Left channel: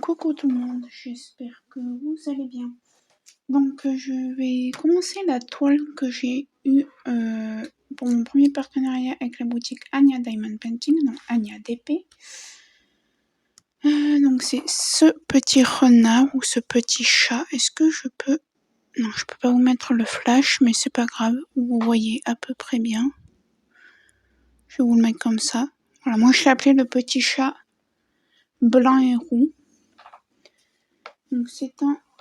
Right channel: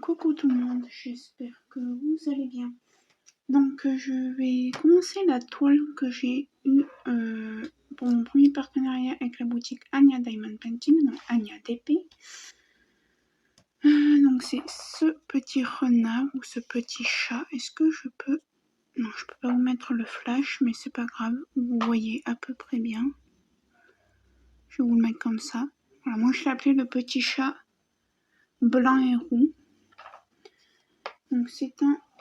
Coucou tout le monde, j'espère que vous allez bien. Donc je vais commencer la toile que j'ai eue pour mon premier partenariat avec la boutique Anya Diamond Painting, donc Anya DP. Donc c'est ce petit renard ou ce petit chat. Est-ce que je peux... Non, je peux pas vous mettre le flash, mais c'est pas grave, vous voyez à peu près bien. Je vais vous le mettre comme ça. Voilà, moi je l'ai appelé le petit chat blanc et roux. Donc c'est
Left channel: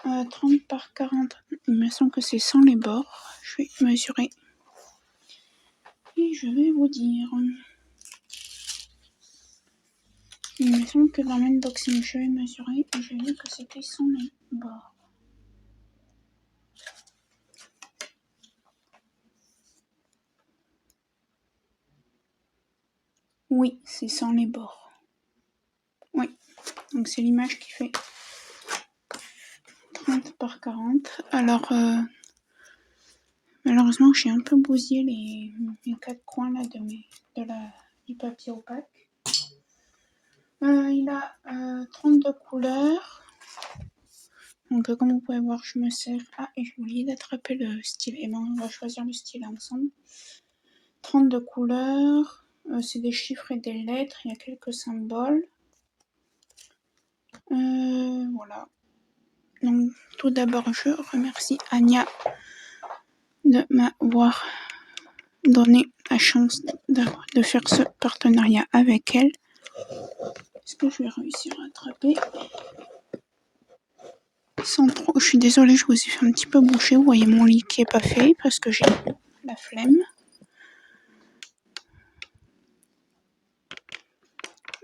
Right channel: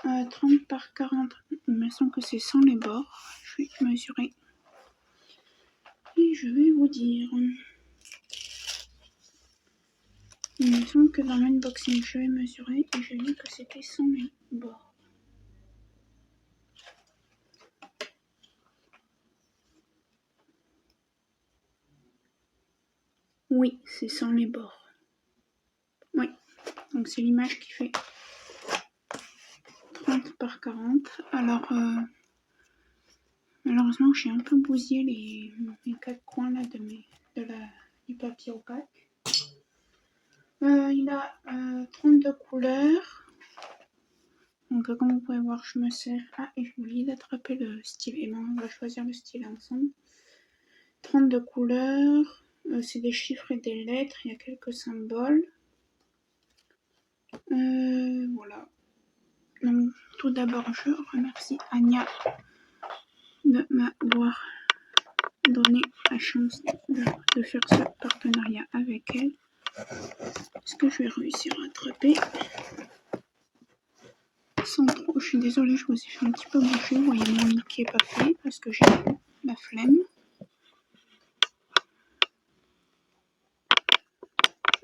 un 30 par 40. Il me semble que c'est sans les bords. Je vais mesurer. Et je vais vous dire. Il me semble que dans l'unboxing, je vais mesurer et j'ai vu que c'était sans les bords. Oui, c'est sans les bords. Oui, donc c'est l'image qui fait 30 par 40. Alors, malheureusement, j'ai un peu bousillé les quatre coins là du papier opaque. Il a 32 couleurs. Donc comme vous pouvez voir, je me sers... Ah, et j'ai oublié d'attraper le stylet. Et ben, on va choisir le stylet ensemble. 32 couleurs. C'est des chiffres et des lettres. Il y a quelques symboles. Voilà. Donc tout d'abord, je remercie Anya de m'avoir donné la chance de faire ce partenariat avec elle. Est-ce que je vais réussir à attraper sans trop... Je suis désolée, je vous ai fait un petit peu boucher. Vous voyez mon lit qui est pas fait parce que j'ai la flemme.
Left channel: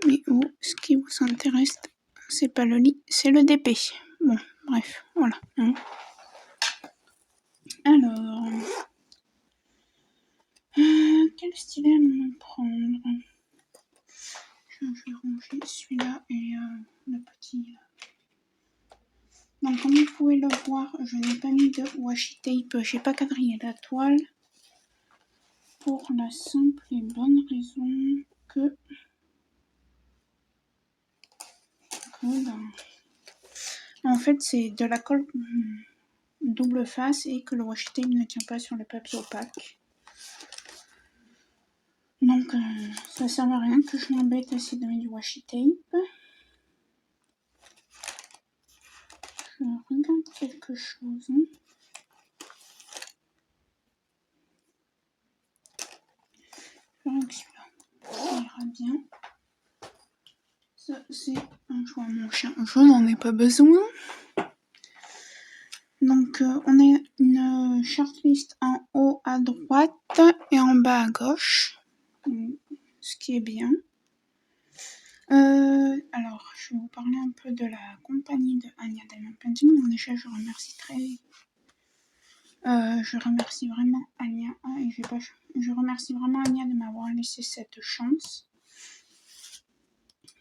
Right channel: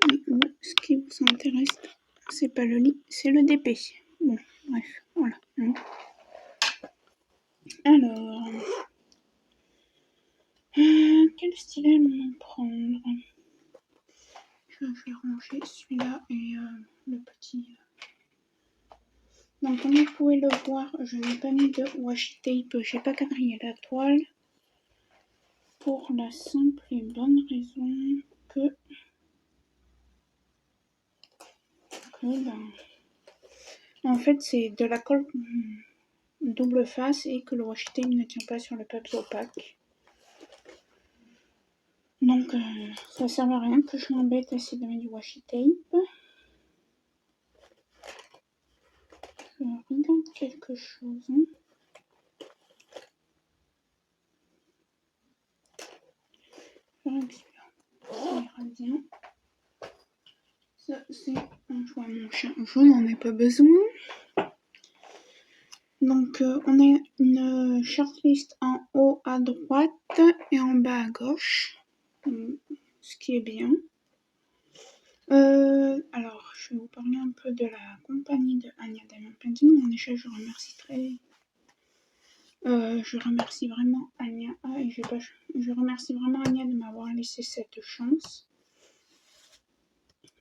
Mais ce qui vous intéresse, c'est pas le lit, c'est le DP. Bon, bref, voilà. Alors, quel stylet me prendre? Je vais ranger celui-là et le petit. Donc, comme vous pouvez le voir, je n'ai pas mis de washi tape. J'ai pas quadrillé la toile pour la simple et bonne raison que en fait, c'est de la colle double face et que le washi tape ne tient pas sur le papier opaque. Donc ça sert à rien que je m'embête à essayer de mettre du washi tape. Je regarde quelque chose. Je verrai que celui-là, ça ira bien. Ça c'est un jouet à mon chien. Je n'en ai pas besoin. Donc on a une shortlist en haut à droite et en bas à gauche. Ce qui est bien. Alors, je vais vous parler un peu de la compagnie de Anya Diamond Painting. Donc déjà, je remercie vraiment Anya et je remercie vraiment Anya de m'avoir laissé cette chance.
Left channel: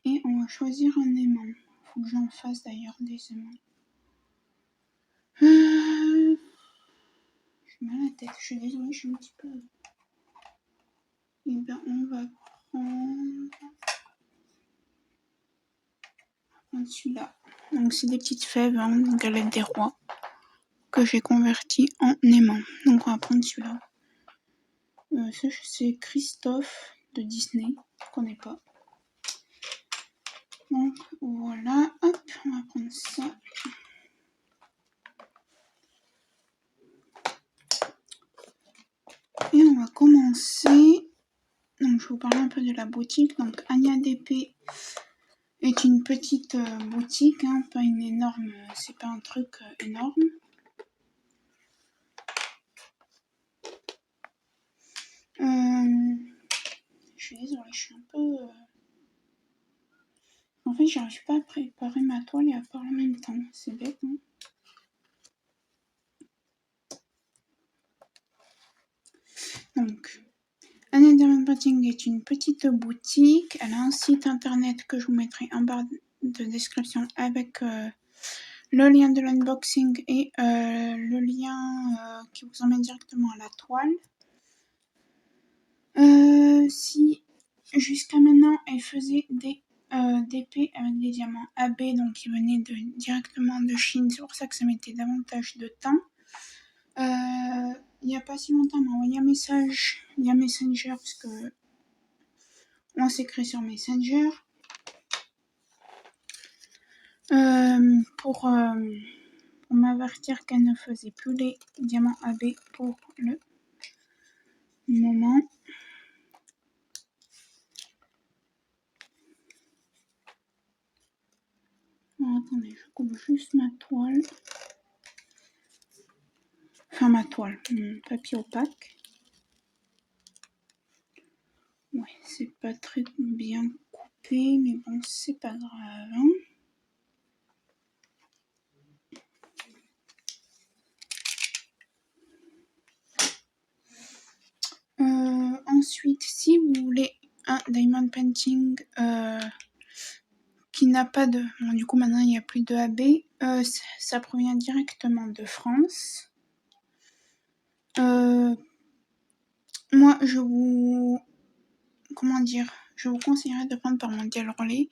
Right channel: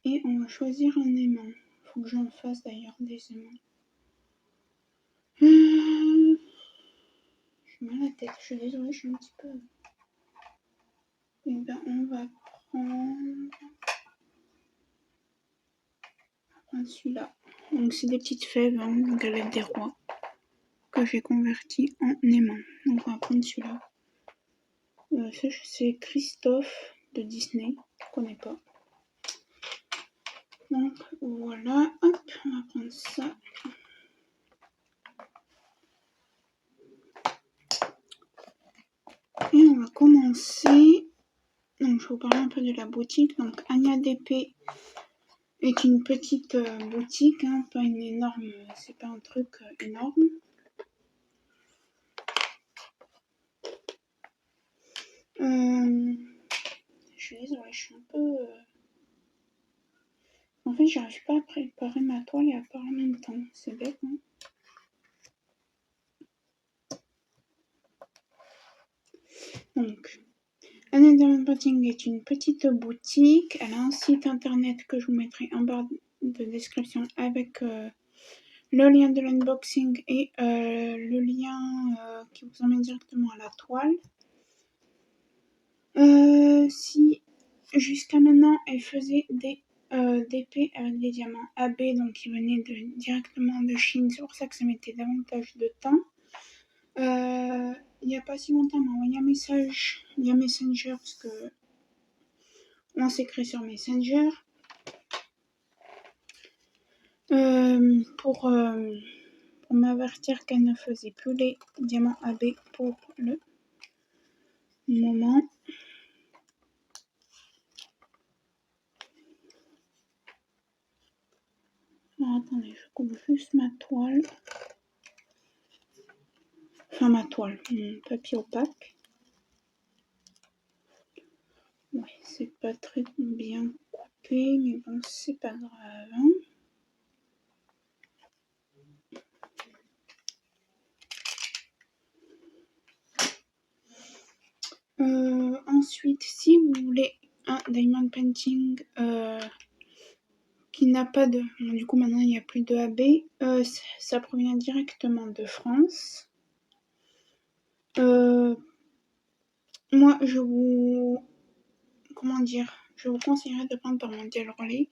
Et on va choisir un aimant. Faut que j'en fasse d'ailleurs des aimants. J'ai mal à la tête. Je suis désolée, je suis un petit peu. Et ben, on va prendre celui-là. Donc c'est des petites fèves, hein, galette des rois, que j'ai converti en aimant. Donc on va prendre celui-là. C'est Christophe de Disney, je connais pas. Donc voilà, hop, on va prendre ça. Et on va commencer. Donc je vais vous parler un peu de la boutique. Donc Anya DP est une petite boutique, hein, pas une énorme, c'est pas un truc énorme. Je suis désolée, je suis un peu... En fait, j'arrive pas à préparer ma toile et à parler en même temps. C'est bête, hein. Donc, Anya Diamond Painting est une petite boutique. Elle a un site internet que je vous mettrai en barre de description avec le lien de l'unboxing et le lien qui vous emmène directement à la toile. Si jusqu'à maintenant elle faisait des d'épée avec des diamants AB, donc qui venaient directement de Chine. C'est pour ça que ça mettait davantage de temps. Il n'y a pas si longtemps, on m'a envoyé un message via Messenger, parce que on s'écrit sur Messenger, pour m'avertir qu'elle ne faisait plus les diamants AB pour le moment. Alors, attendez, je coupe juste ma toile. Enfin, ma toile, mon papier opaque. Ouais, c'est pas très bien coupé, mais bon, c'est pas grave. Hein. Ensuite, si vous voulez un diamond painting qui n'a pas de... Bon, du coup, maintenant, il n'y a plus de AB. Ça provient directement de France. Moi, je vous... Comment dire? Je vous conseillerais de prendre par Mondial Relay.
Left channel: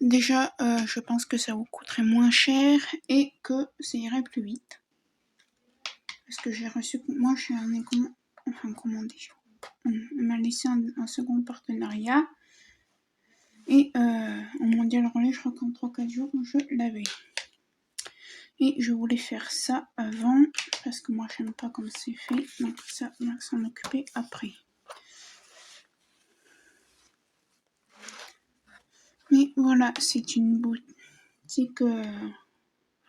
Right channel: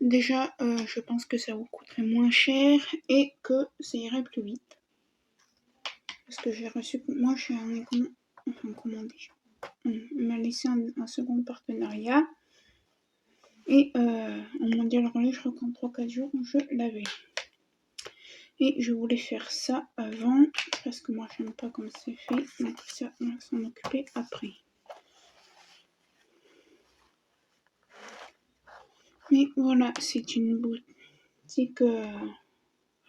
Déjà, je pense que ça vous coûterait moins cher et que ça irait plus vite. Parce que j'ai reçu... Moi, j'ai commandé. On m'a laissé un second partenariat. Et en Mondial Relais, je crois qu'en 3-4 jours, je l'avais. Et je voulais faire ça avant, parce que moi, j'aime pas comme c'est fait. Donc ça, on va s'en occuper après. Mais voilà, c'est une boutique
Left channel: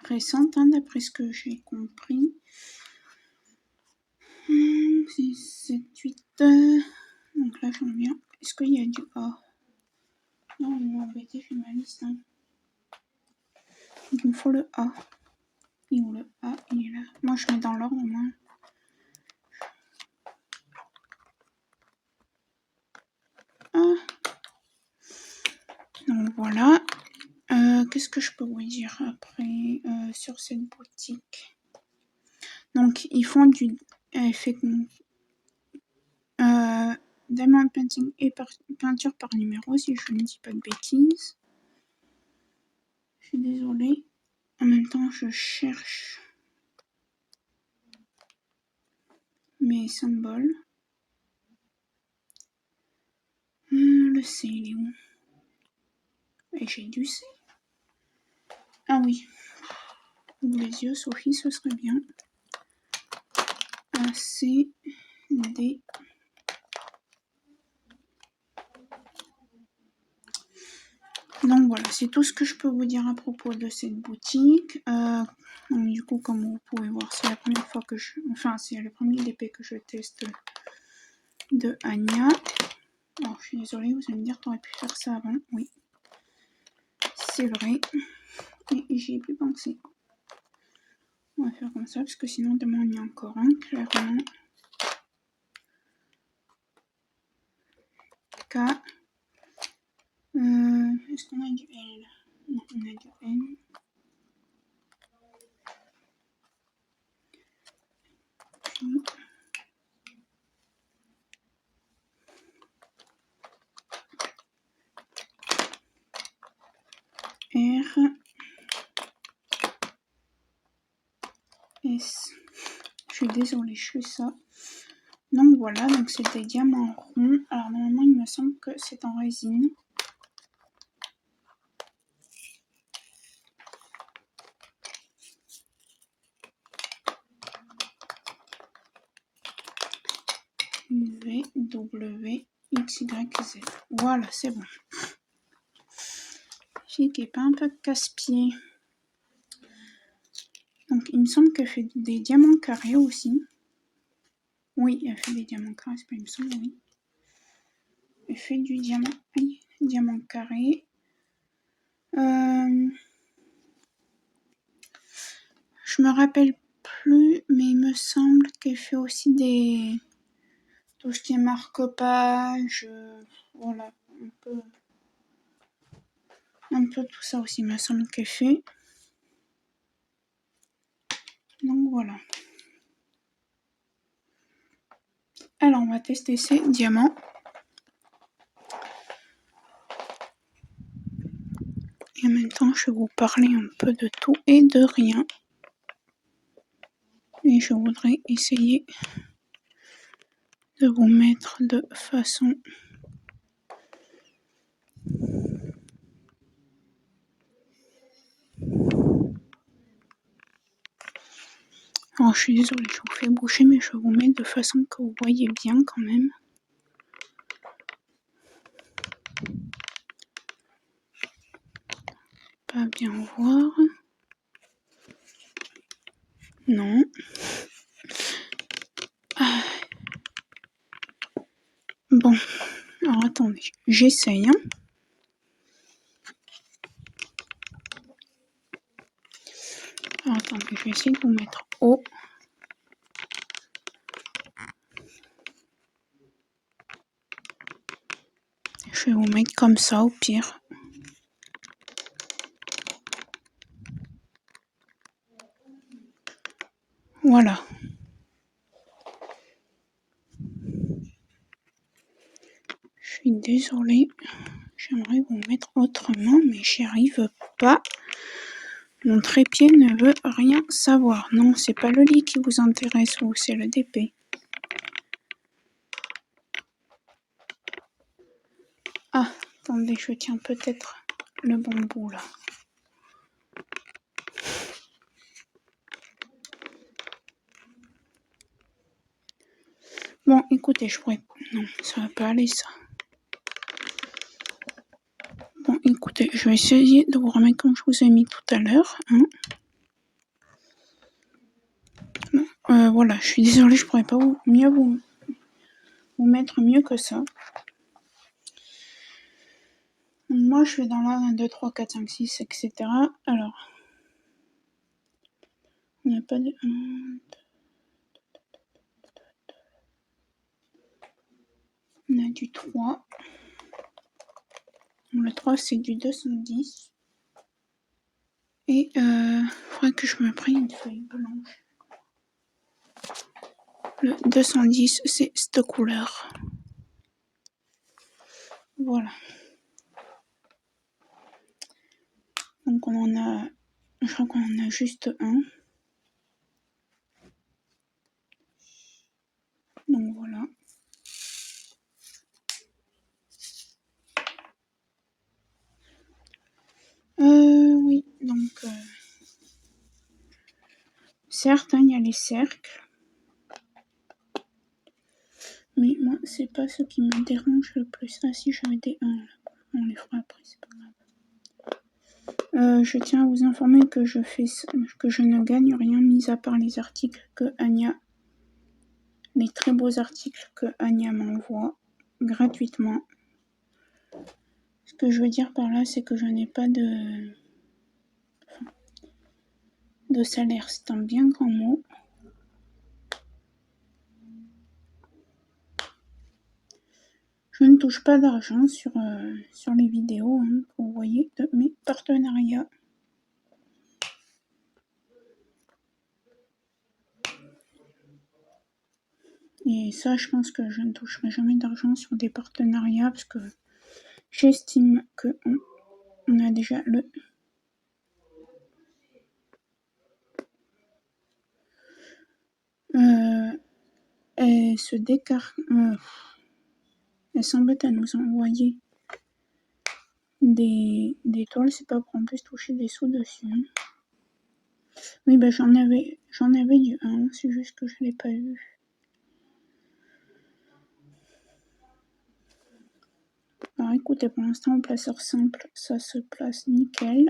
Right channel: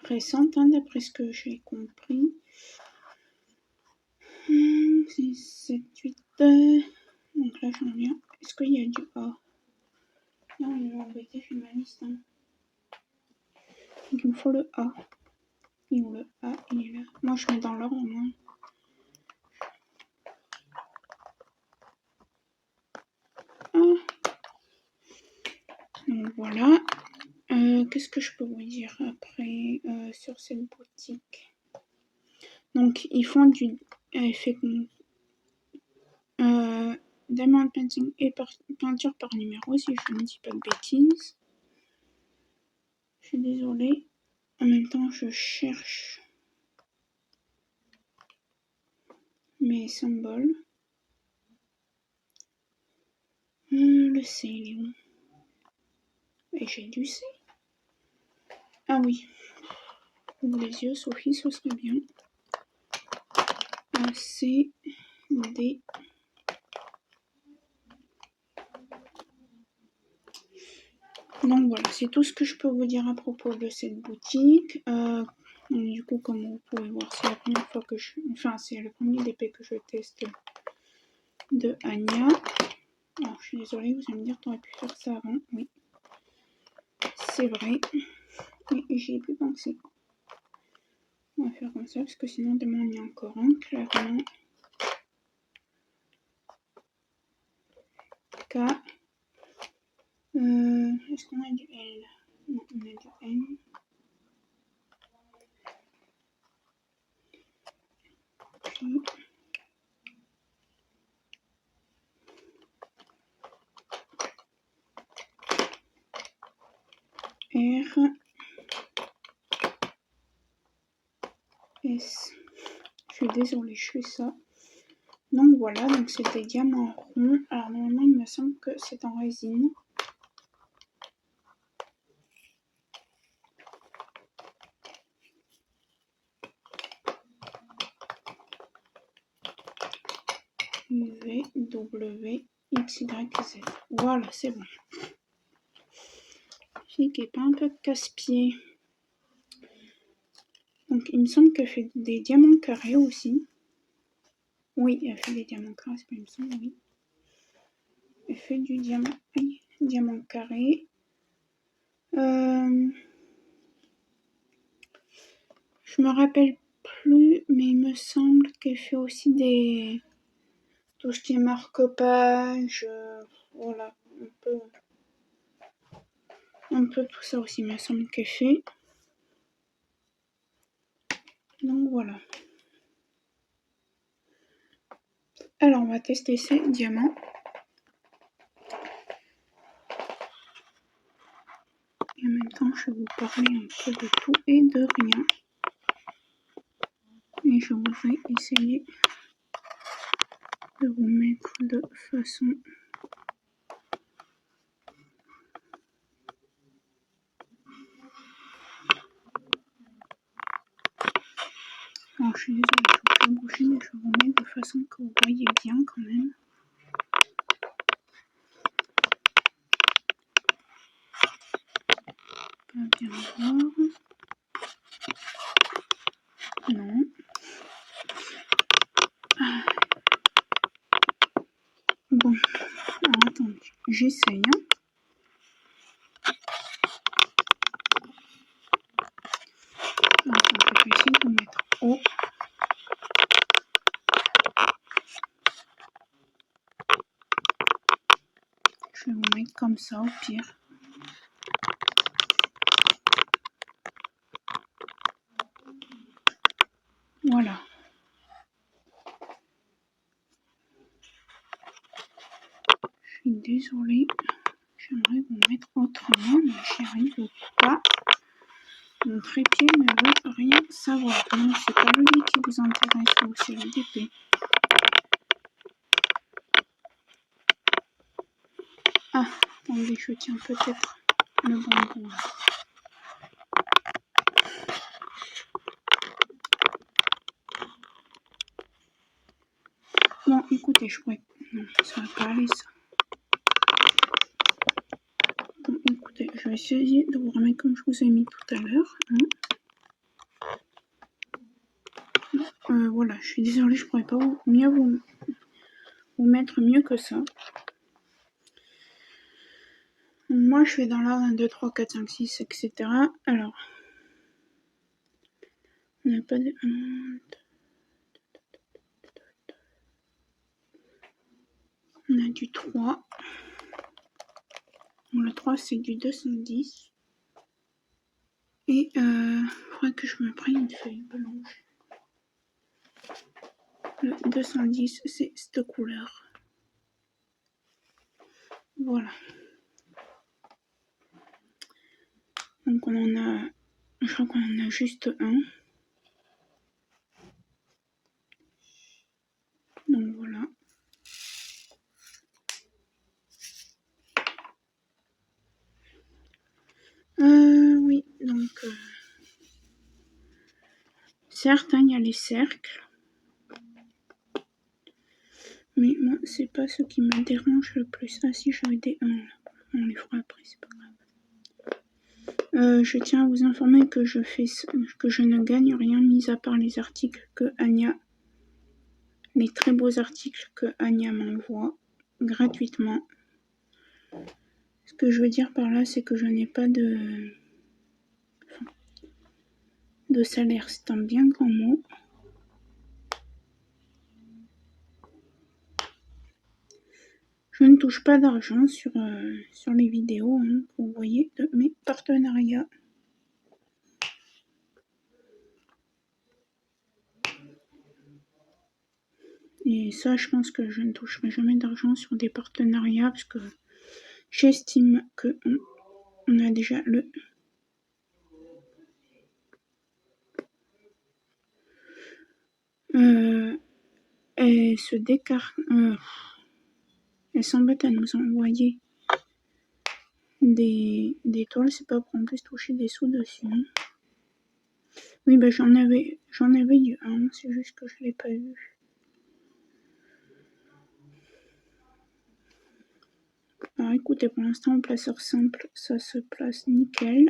récente, hein, d'après ce que j'ai compris. 6, 7, 8. Donc là, j'en viens. Est-ce qu'il y a du A? Non, il m'a embêté, j'ai ma liste. Hein. Donc il me faut le A. Et où le A? Il est là. Moi, je mets dans l'ordre, moi. Ah. Donc voilà. Qu'est-ce que je peux vous dire après sur cette boutique? Donc ils font du diamond painting et peinture par numéro, si je ne dis pas de bêtises. Je suis désolée. En même temps, je cherche mes symboles. Le C, il est où? Et j'ai du C. Ah oui. Ouvre les yeux, Sophie, ce serait bien. A, C, D. Donc voilà, c'est tout ce que je peux vous dire à propos de cette boutique. Du coup, comme vous pouvez voir, c'est la première fois que c'est le premier DP que je teste de Anya. Alors, je suis désolée, vous allez me dire, t'aurais pu faire ça avant. Oui, c'est vrai. Et j'y ai plus pensé. On va faire comme ça, parce que sinon, demain, il y a encore un, clairement. K. Est-ce qu'on a du L? Non, on a du N. Puis... R. S. Je suis désolée, je fais ça. Donc voilà, donc c'est des diamants ronds. Alors normalement, il me semble que c'est en résine. V, W, X, Y, Z. Voilà, c'est bon. Fille qui est pas un peu casse-pied. Donc il me semble qu'elle fait des diamants carrés aussi. Oui, elle fait des diamants carrés, c'est pas il me semble, oui. Elle fait du diamant, oui, diamant carré. Je me rappelle plus, mais il me semble qu'elle fait aussi des... tout ce qui est marque-page, voilà, un peu tout ça aussi, il me semble qu'elle fait. Donc voilà. Alors on va tester ces diamants. Et en même temps, je vais vous parler un peu de tout et de rien. Et je voudrais essayer de vous mettre de façon alors je suis désolée, je vous fais boucher, mais je vais vous mettre de façon que vous voyez bien quand même. Pas bien voir. Non. Ah. Bon, alors attendez, j'essaye. Alors, attendez, je vais essayer de vous mettre haut. Je vais vous mettre comme ça au pire. Voilà. Je suis désolée. J'aimerais vous mettre autrement, mais j'y arrive pas. Mon trépied ne veut rien savoir. Non, c'est pas le lit qui vous intéresse, ou c'est la DP. Ah, attendez, je tiens peut-être le bon bout là. Bon, écoutez, je pourrais... Non, ça va pas aller ça. Bon, écoutez, je vais essayer de vous remettre comme je vous ai mis tout à l'heure. Voilà, je suis désolée, je pourrais pas vous mettre mieux que ça. Moi, je fais dans l'ordre 1, 2, 3, 4, 5, 6, etc. Alors, on n'a pas de... On a du 3. Bon, le 3, c'est du 210. Et faudrait que je me prenne une feuille blanche. Le 210, c'est cette couleur. Voilà. Donc on en a... Je crois qu'on en a juste un. Donc voilà. Oui, donc... certes, il y a les cercles. Mais moi, c'est pas ce qui me dérange le plus. Ah si, j'avais des 1 là. On les fera après, c'est pas grave. Je tiens à vous informer que je ne gagne rien, mis à part les articles que Anya... Les très beaux articles que Anya m'envoie gratuitement. Ce que je veux dire par là, c'est que je n'ai pas de salaire. C'est un bien grand mot. Je ne touche pas d'argent sur les vidéos, hein, que vous voyez, de mes partenariats. Et ça, je pense que je ne toucherai jamais d'argent sur des partenariats parce que j'estime qu'on a déjà le... Elle se décarte... elle s'embête à nous envoyer des toiles, c'est pas pour qu'on puisse toucher des sous dessus. Oui, bah j'en avais eu un, c'est juste que je l'ai pas eu. Alors écoutez, pour l'instant, en placeur simple, ça se place nickel.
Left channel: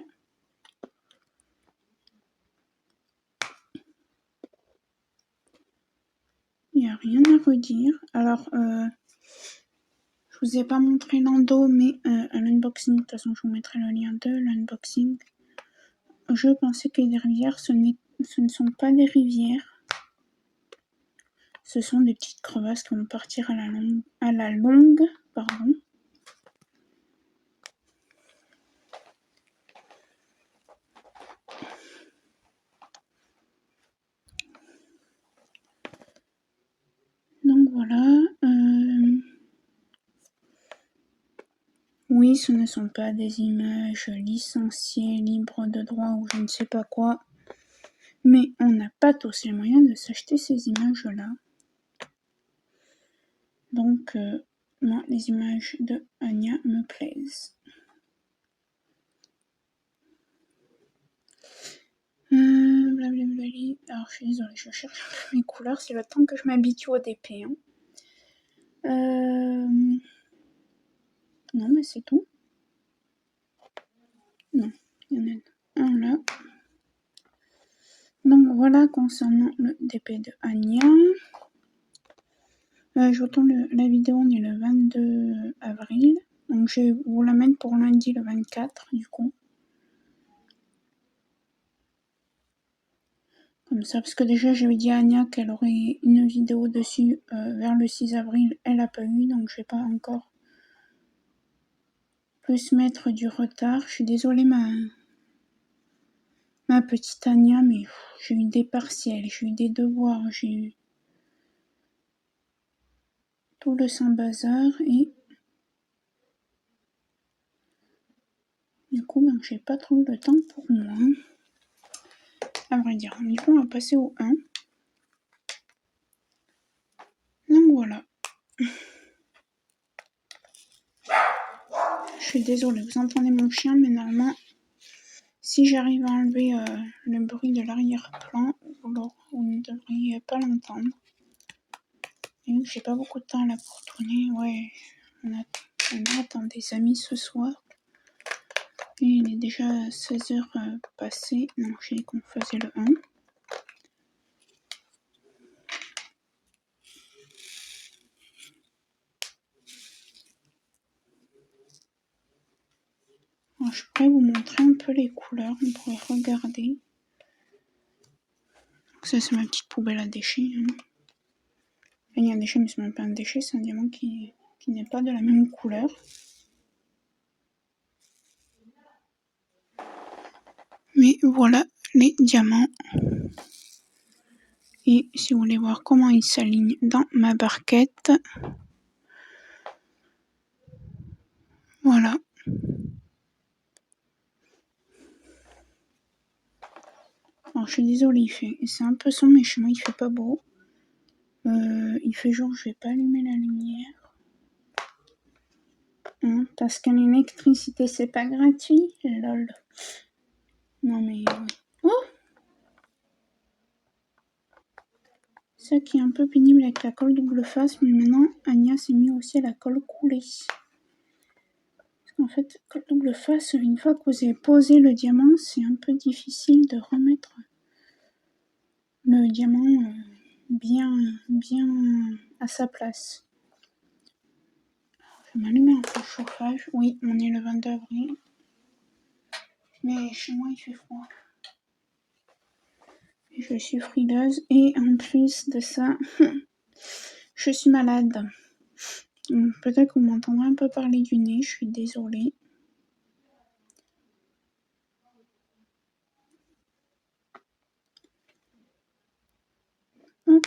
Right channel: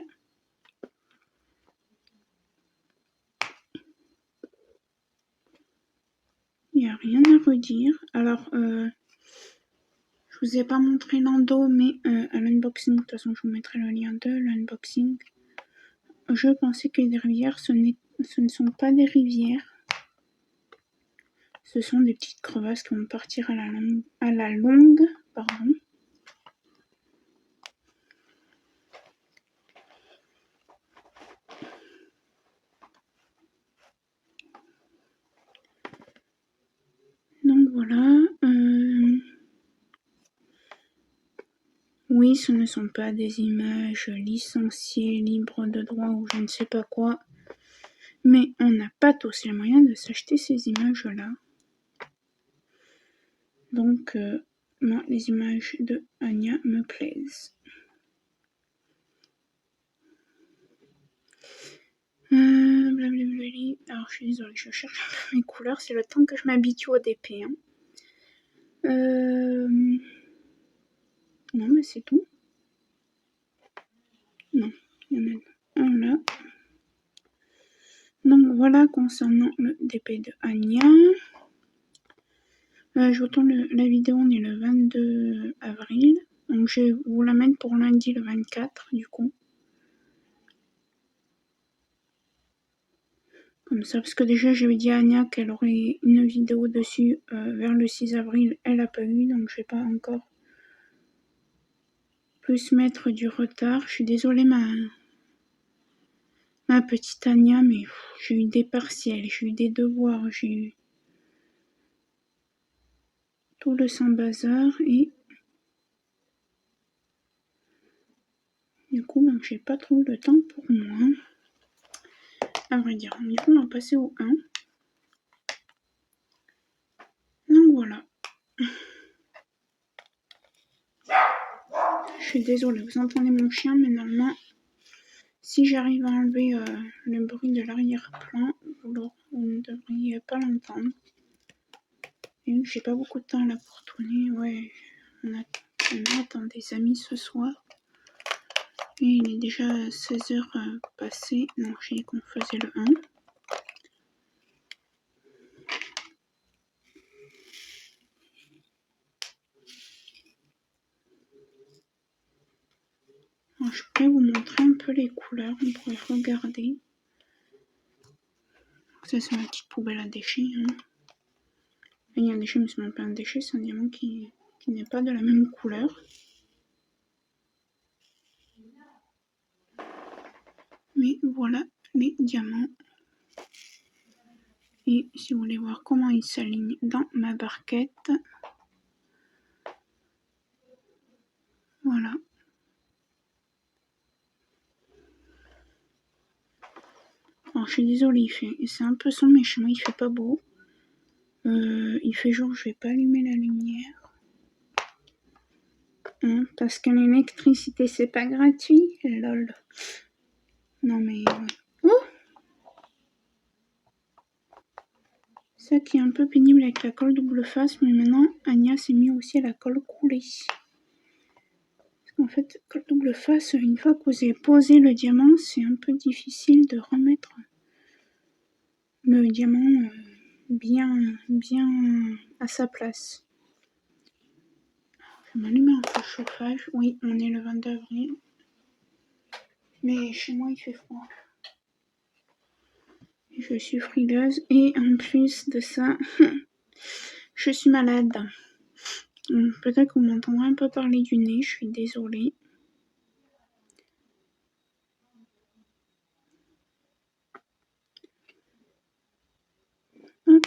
Il n'y a rien à redire. Alors, je vous ai pas montré l'endo, mais à l'unboxing, de toute façon, je vous mettrai le lien de l'unboxing. Je pensais que les rivières, ce ne sont pas des rivières. Ce sont des petites crevasses qui vont partir à la longue, pardon. Donc voilà. Oui, ce ne sont pas des images licenciées, libres de droit ou je ne sais pas quoi. Mais on n'a pas tous les moyens de s'acheter ces images-là. Donc, moi, les images de Anya me plaisent. Blablabla. Alors, je suis désolée, je cherche mes couleurs. C'est le temps que je m'habitue au DP. Hein. Non, mais c'est tout. Non, il y en a un là. Donc, voilà concernant le DP de Anya. Je vous tourne la vidéo, on est le 22 avril. Donc, je vous la mets pour lundi le 24, du coup. Comme ça, parce que déjà j'avais dit à Anya qu'elle aurait une vidéo dessus vers le 6 avril, elle n'a pas eu, donc je vais pas encore plus mettre du retard. Je suis désolée ma petite Anya, mais j'ai eu des partiels, j'ai eu des devoirs, j'ai eu tout le sans-bazar et du coup ben, j'ai pas trop eu le temps pour moi. À vrai dire, du coup on va passer au 1. Donc voilà. Je suis désolée, vous entendez mon chien, mais normalement, si j'arrive à enlever le bruit de l'arrière-plan, vous ne devriez pas l'entendre. Et vu que j'ai pas beaucoup de temps là pour tourner, ouais, on attend des amis ce soir. Et il est déjà 16h passé. Non, j'ai dit qu'on faisait le 1. Alors, je pourrais vous montrer un peu les couleurs, on pourrait regarder. Donc ça, c'est ma petite poubelle à déchets. Hein. Il y a un déchet, mais c'est même pas un déchet, c'est un diamant qui n'est pas de la même couleur. Mais voilà les diamants. Et si vous voulez voir comment ils s'alignent dans ma barquette, voilà. Alors je suis désolée, c'est un peu sombre, mais chez moi il fait pas beau. Il fait jour, je vais pas allumer la lumière. Hein, parce que l'électricité c'est pas gratuit, lol. Non mais... Oh, ça qui est un peu pénible avec la colle double face, mais maintenant Anya s'est mis aussi à la colle coulée. En fait, colle double face, une fois que vous avez posé le diamant, c'est un peu difficile de remettre le diamant bien à sa place. Je vais m'allumer un peu le chauffage. Oui, on est le 22 avril. Mais chez moi, il fait froid. Je suis frileuse et en plus de ça, je suis malade. Peut-être qu'on m'entendra un peu parler du nez, je suis désolée. Hop,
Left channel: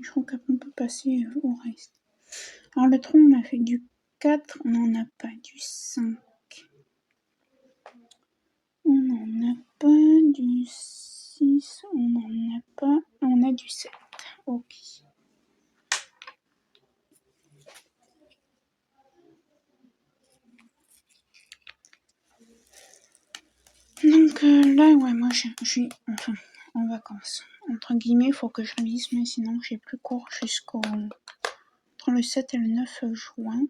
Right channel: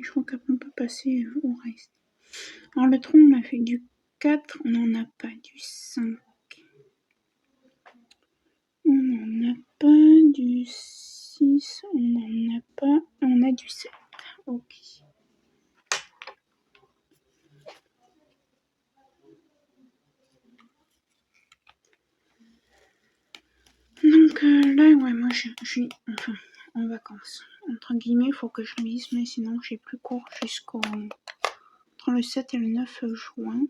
je crois qu'après on peut passer au reste. Alors le tronc, on a fait du 4, on n'en a pas du 5. On n'en a pas du 6, on n'en a pas, on a du 7. Ok. Donc là, ouais, moi je suis enfin en vacances. Entre guillemets, il faut que je révise, mais sinon j'ai plus cours jusqu'au entre le 7 et le 9 juin.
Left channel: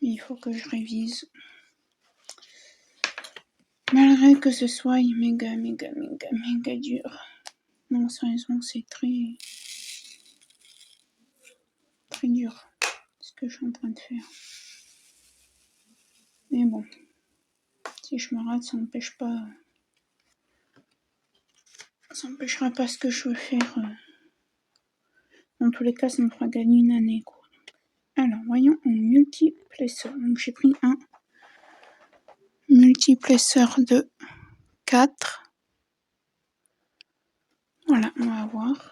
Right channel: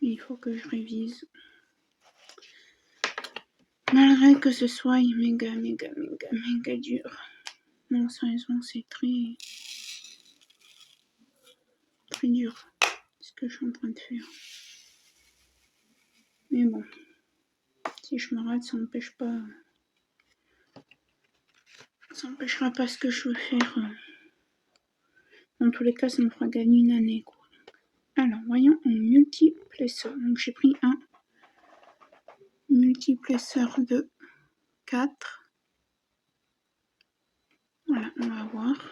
Il faut que je révise. Malgré que ce soit méga dur. Non, sérieusement, c'est très dur ce que je suis en train de faire. Mais bon, si je me rate, ça n'empêche pas. Ça n'empêchera pas ce que je veux faire. Dans tous les cas, ça me fera gagner une année, quoi. Alors, voyons en multiplesseur. Donc, j'ai pris un multiplesseur de 4. Voilà, on va voir.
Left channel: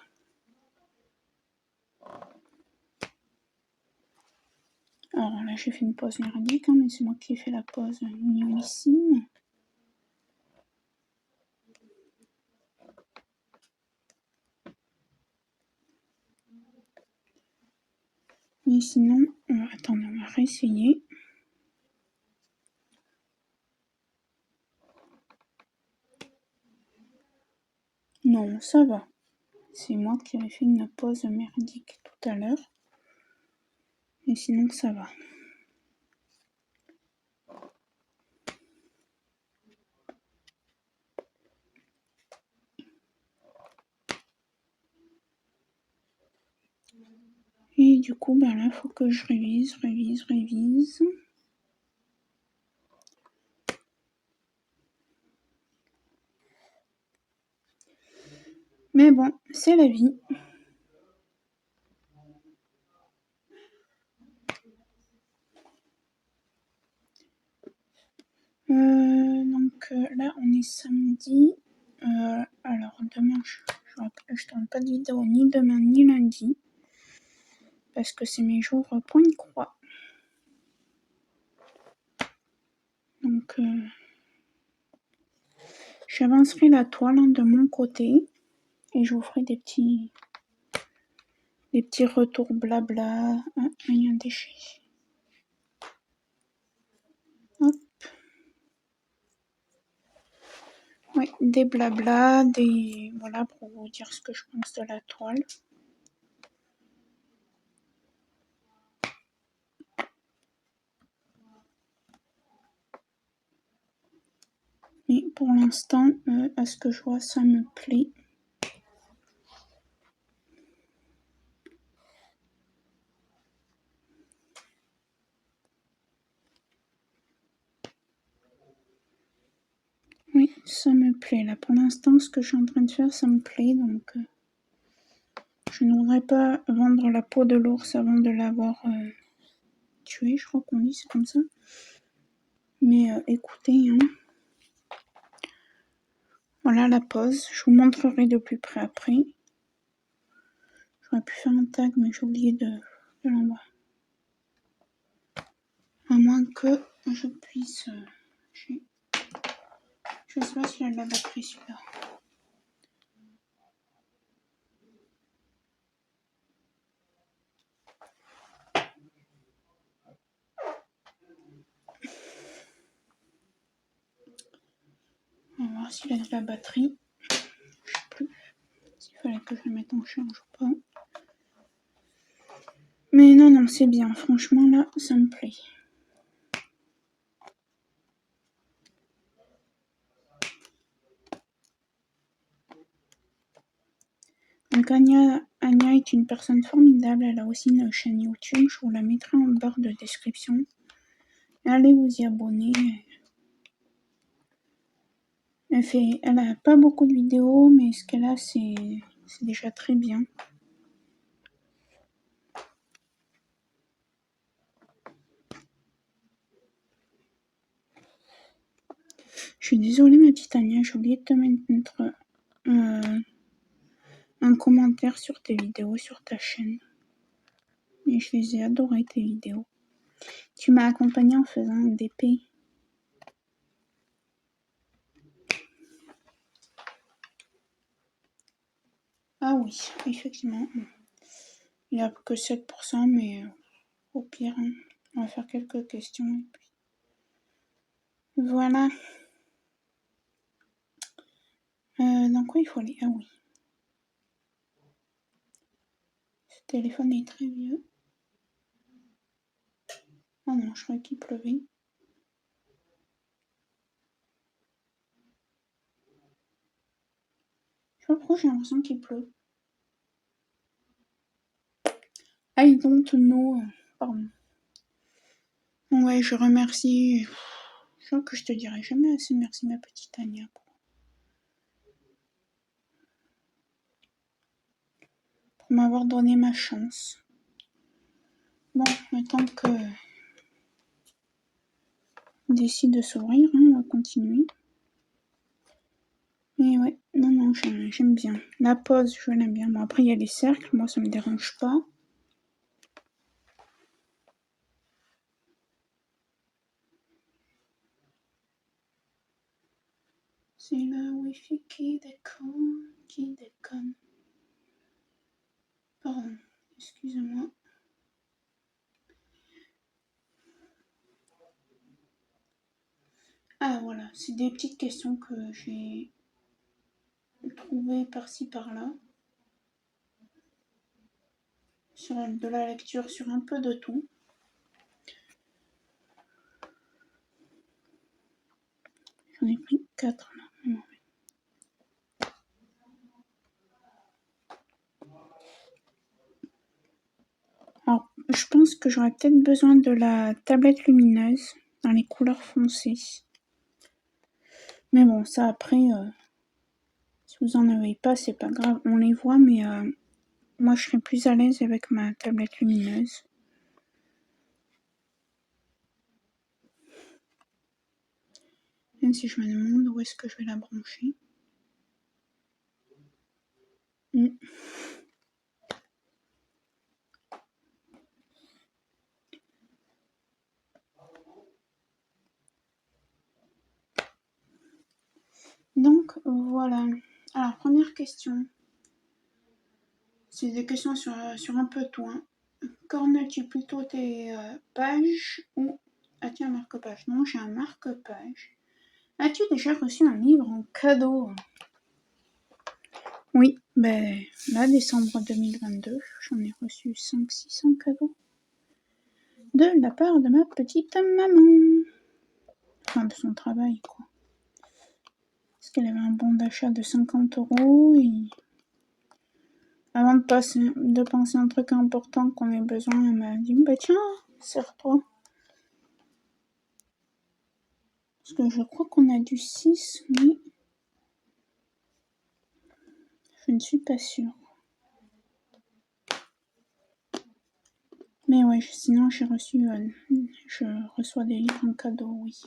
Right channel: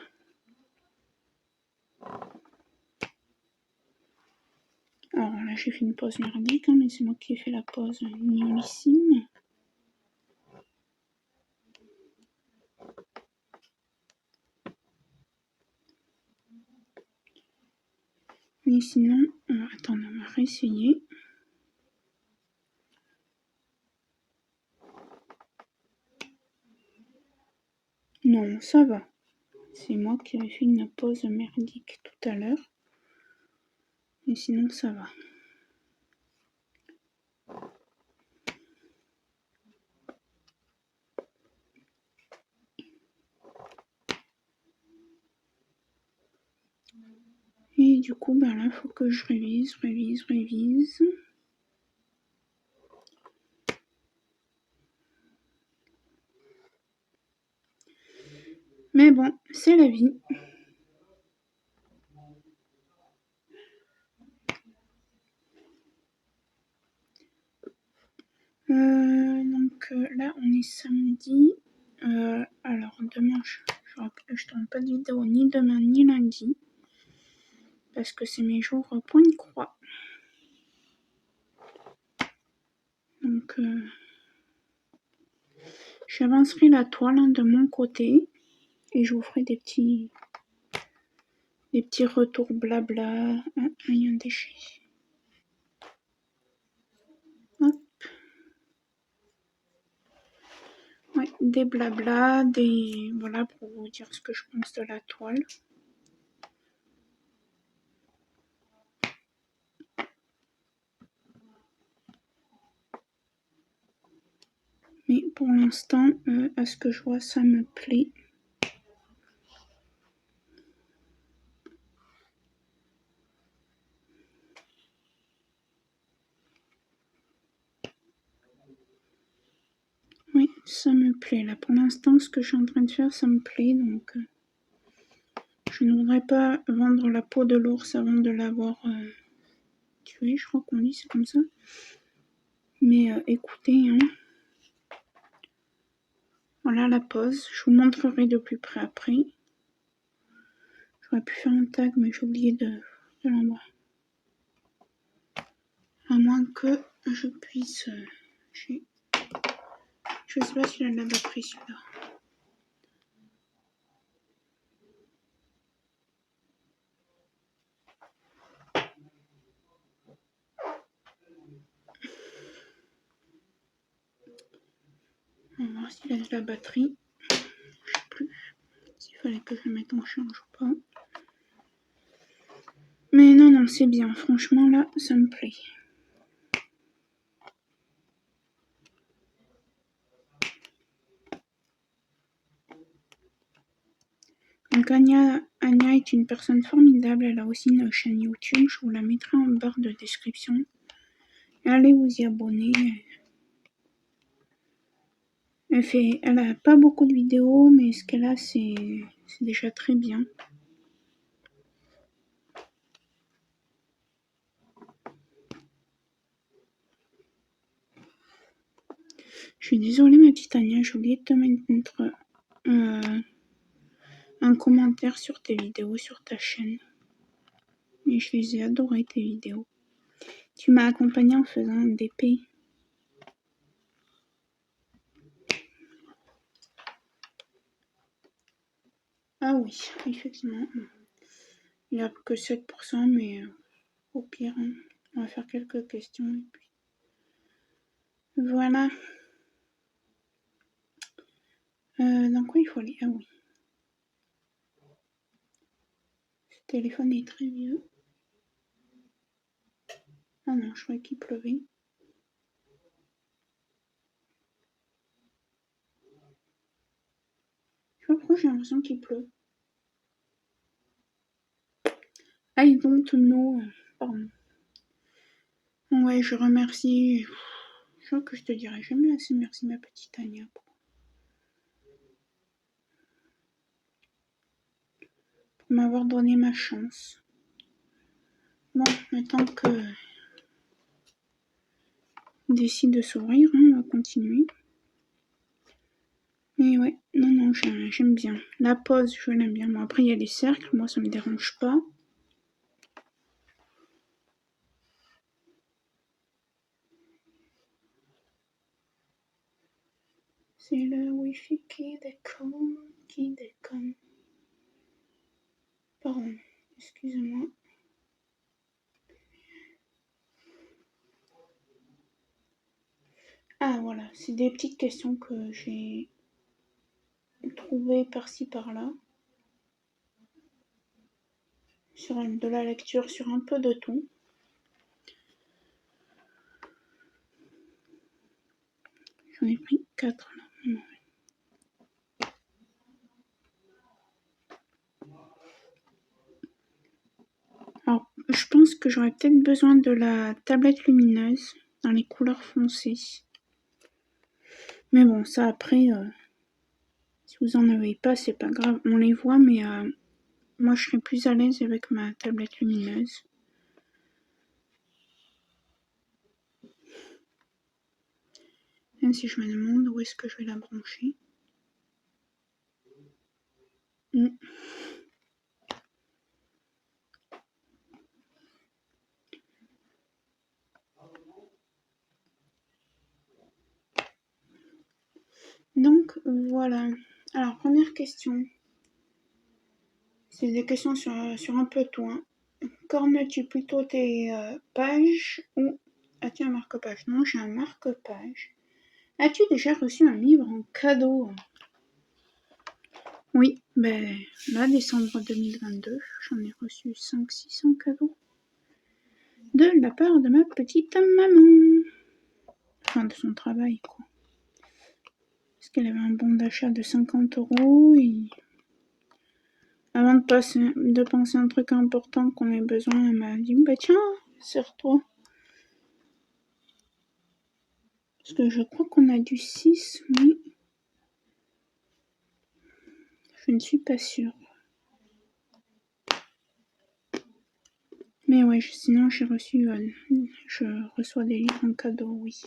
là j'ai fait une pause merdique, hein, mais c'est moi qui ai fait la pause nullissime. Mais sinon, attendez, on va réessayer. Non, ça va. C'est moi qui avais fait une pause merdique tout à l'heure. Et sinon, ça va. Et du coup, ben là, il faut que je révise. Mais bon, c'est la vie. Donc là, on est samedi. Alors, demain, je tourne pas de vidéo ni demain ni lundi. Parce que c'est mes jours point de croix. Donc, j'avancerai la toile hein, de mon côté. Et je vous ferai des petits retours blabla. Ah, il y a un déchet. Hop. Oui, des blabla, voilà, pour vous dire ce que je pense de la toile. Mais pour l'instant, à ce que je vois, ça me plaît. Oui, ça me plaît. Là, pour l'instant, ce que je suis en train de faire, ça me plaît. Donc, je ne voudrais pas vendre la peau de l'ours avant de l'avoir tué. Je crois qu'on dit, c'est comme ça. Mais écoutez, hein. Voilà la pose. Je vous montrerai de plus près après. J'aurais pu faire un tag, mais j'ai oublié de l'envoyer. À moins que je puisse... je sais pas si elle l'a pris celui-là. On va voir s'il a de la batterie. Je sais plus s'il fallait que je le mette en charge ou pas. Mais non, c'est bien. Franchement, là, ça me plaît. Donc Anya est une personne formidable. Elle a aussi une chaîne YouTube. Je vous la mettrai en barre de description. Allez vous y abonner. Elle a pas beaucoup de vidéos, mais ce qu'elle a, c'est déjà très bien. Je suis désolée, ma petite Anya, j'ai oublié de te mettre un commentaire sur tes vidéos, sur ta chaîne. Et je les ai adorées, tes vidéos. Tu m'as accompagnée en faisant un DP. Ah oui, effectivement. Il n'y a que 7%, mais au pire, hein, on va faire quelques questions et puis... Voilà. Dans quoi il faut aller? Ah oui. Ce téléphone est très vieux. Ah non, je croyais qu'il pleuvait. Je sais pas pourquoi j'ai l'impression qu'il pleut. I don't know. Pardon. Ouais, je remercie. Je crois que je te dirai jamais assez merci, ma petite Anya. Pour m'avoir donné ma chance. Bon, maintenant que on décide de s'ouvrir, hein, on va continuer. Et ouais, non, j'aime bien. La pose, je l'aime bien. Bon, après, il y a les cercles, moi, ça me dérange pas. C'est le Wi-Fi qui déconne. Pardon, excusez-moi. Ah voilà, c'est des petites questions que j'ai trouvées par-ci par-là. Sur de la lecture sur un peu de tout. J'en ai pris 4 là. Alors, je pense que j'aurais peut-être besoin de la tablette lumineuse dans les couleurs foncées. Mais bon, ça après, si vous en avez pas, c'est pas grave. On les voit, mais moi je serais plus à l'aise avec ma tablette lumineuse. Même si je me demande où est-ce que je vais la brancher. Donc voilà. Alors première question. C'est des questions sur un peu tout. Hein. Cornes-tu plutôt tes pages ou as-tu un marque-page? Non, j'ai un marque-page. As-tu déjà reçu un livre en cadeau? Oui, ben là, décembre 2022, j'en ai reçu 500-600 cadeaux. De la part de ma petite maman. Enfin, de son travail, quoi. Parce qu'elle avait un bon d'achat de 50 € et avant de penser un truc important qu'on ait besoin, elle m'a dit bah tiens, sers-toi. Parce que je crois qu'on a du 6, mais je ne suis pas sûre. Mais ouais, sinon je reçois des livres en cadeau, oui.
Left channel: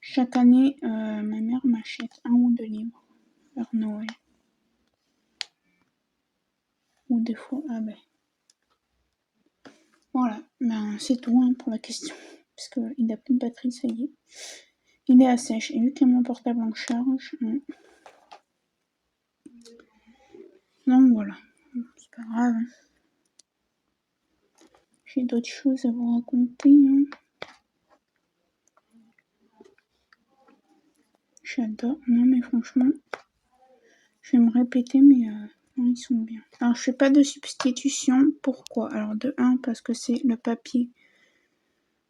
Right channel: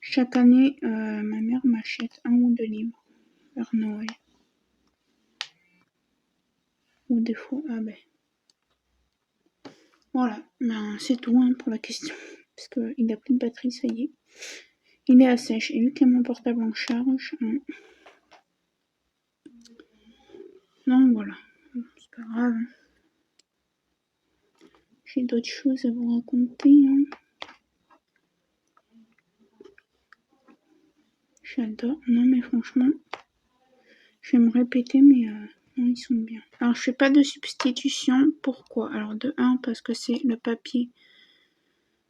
Chaque année, ma mère m'achète 1 ou 2 livres vers Noël. Ou des fois, voilà, ben c'est tout hein, pour la question. Parce qu'il n'a plus de batterie, ça y est. Il est à sèche. Et vu qu'il y a mon portable en charge, donc voilà, c'est pas grave. J'ai d'autres choses à vous raconter. Hein. J'adore. Non mais franchement, je vais me répéter, mais non, ils sont bien. Alors je fais pas de substitution. Pourquoi? Alors de 1, parce que c'est le papier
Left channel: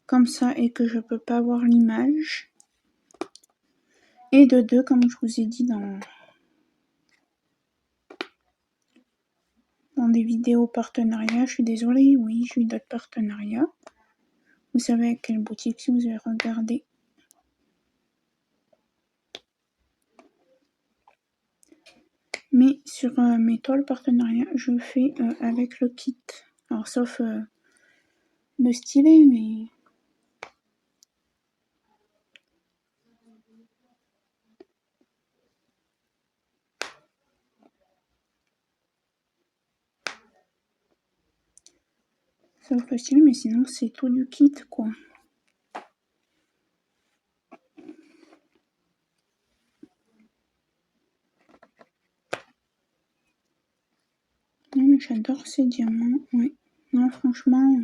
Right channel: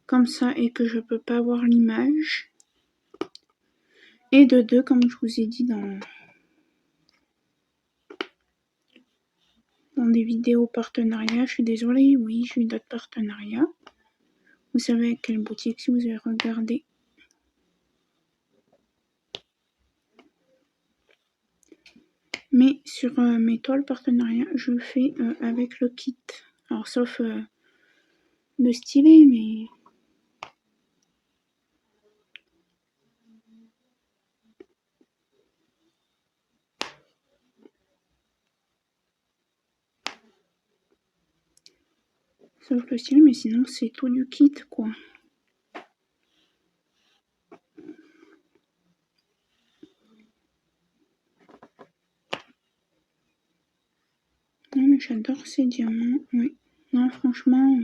comme ça et que je peux pas voir l'image. Et de 2, comme je vous ai dit dans des vidéos partenariats, je suis désolée, oui, j'ai eu d'autres partenariats. Vous savez à quelle boutique si vous avez regardé. Mais sur mes toiles partenariats, je fais avec le kit. Alors sauf le stylet, mais... Sauf le stylet, mais sinon c'est tout du kit, quoi. Non mais j'adore ces diamants, oui. Non franchement...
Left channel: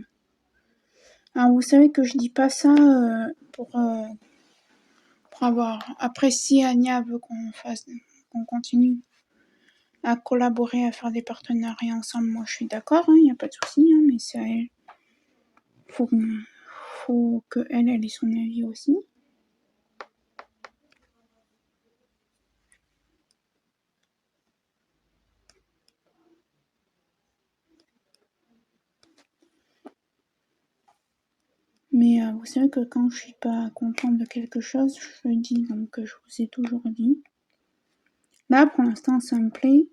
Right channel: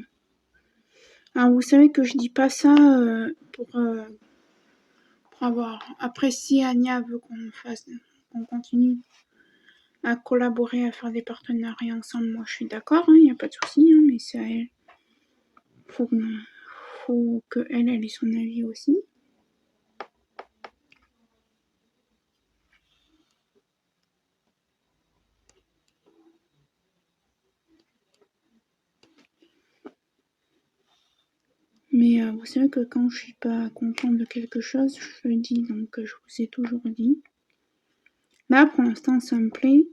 Alors vous savez que je dis pas ça pour avoir... Après si Anya veut qu'on continue à collaborer, à faire des partenariats ensemble, moi je suis d'accord, il n'y a pas de souci, hein, mais c'est à elle. Faut que elle ait son avis aussi. Mais vous savez que quand je suis pas contente de quelque chose, je le dis, donc je vous ai toujours dit. Là pour l'instant ça me plaît.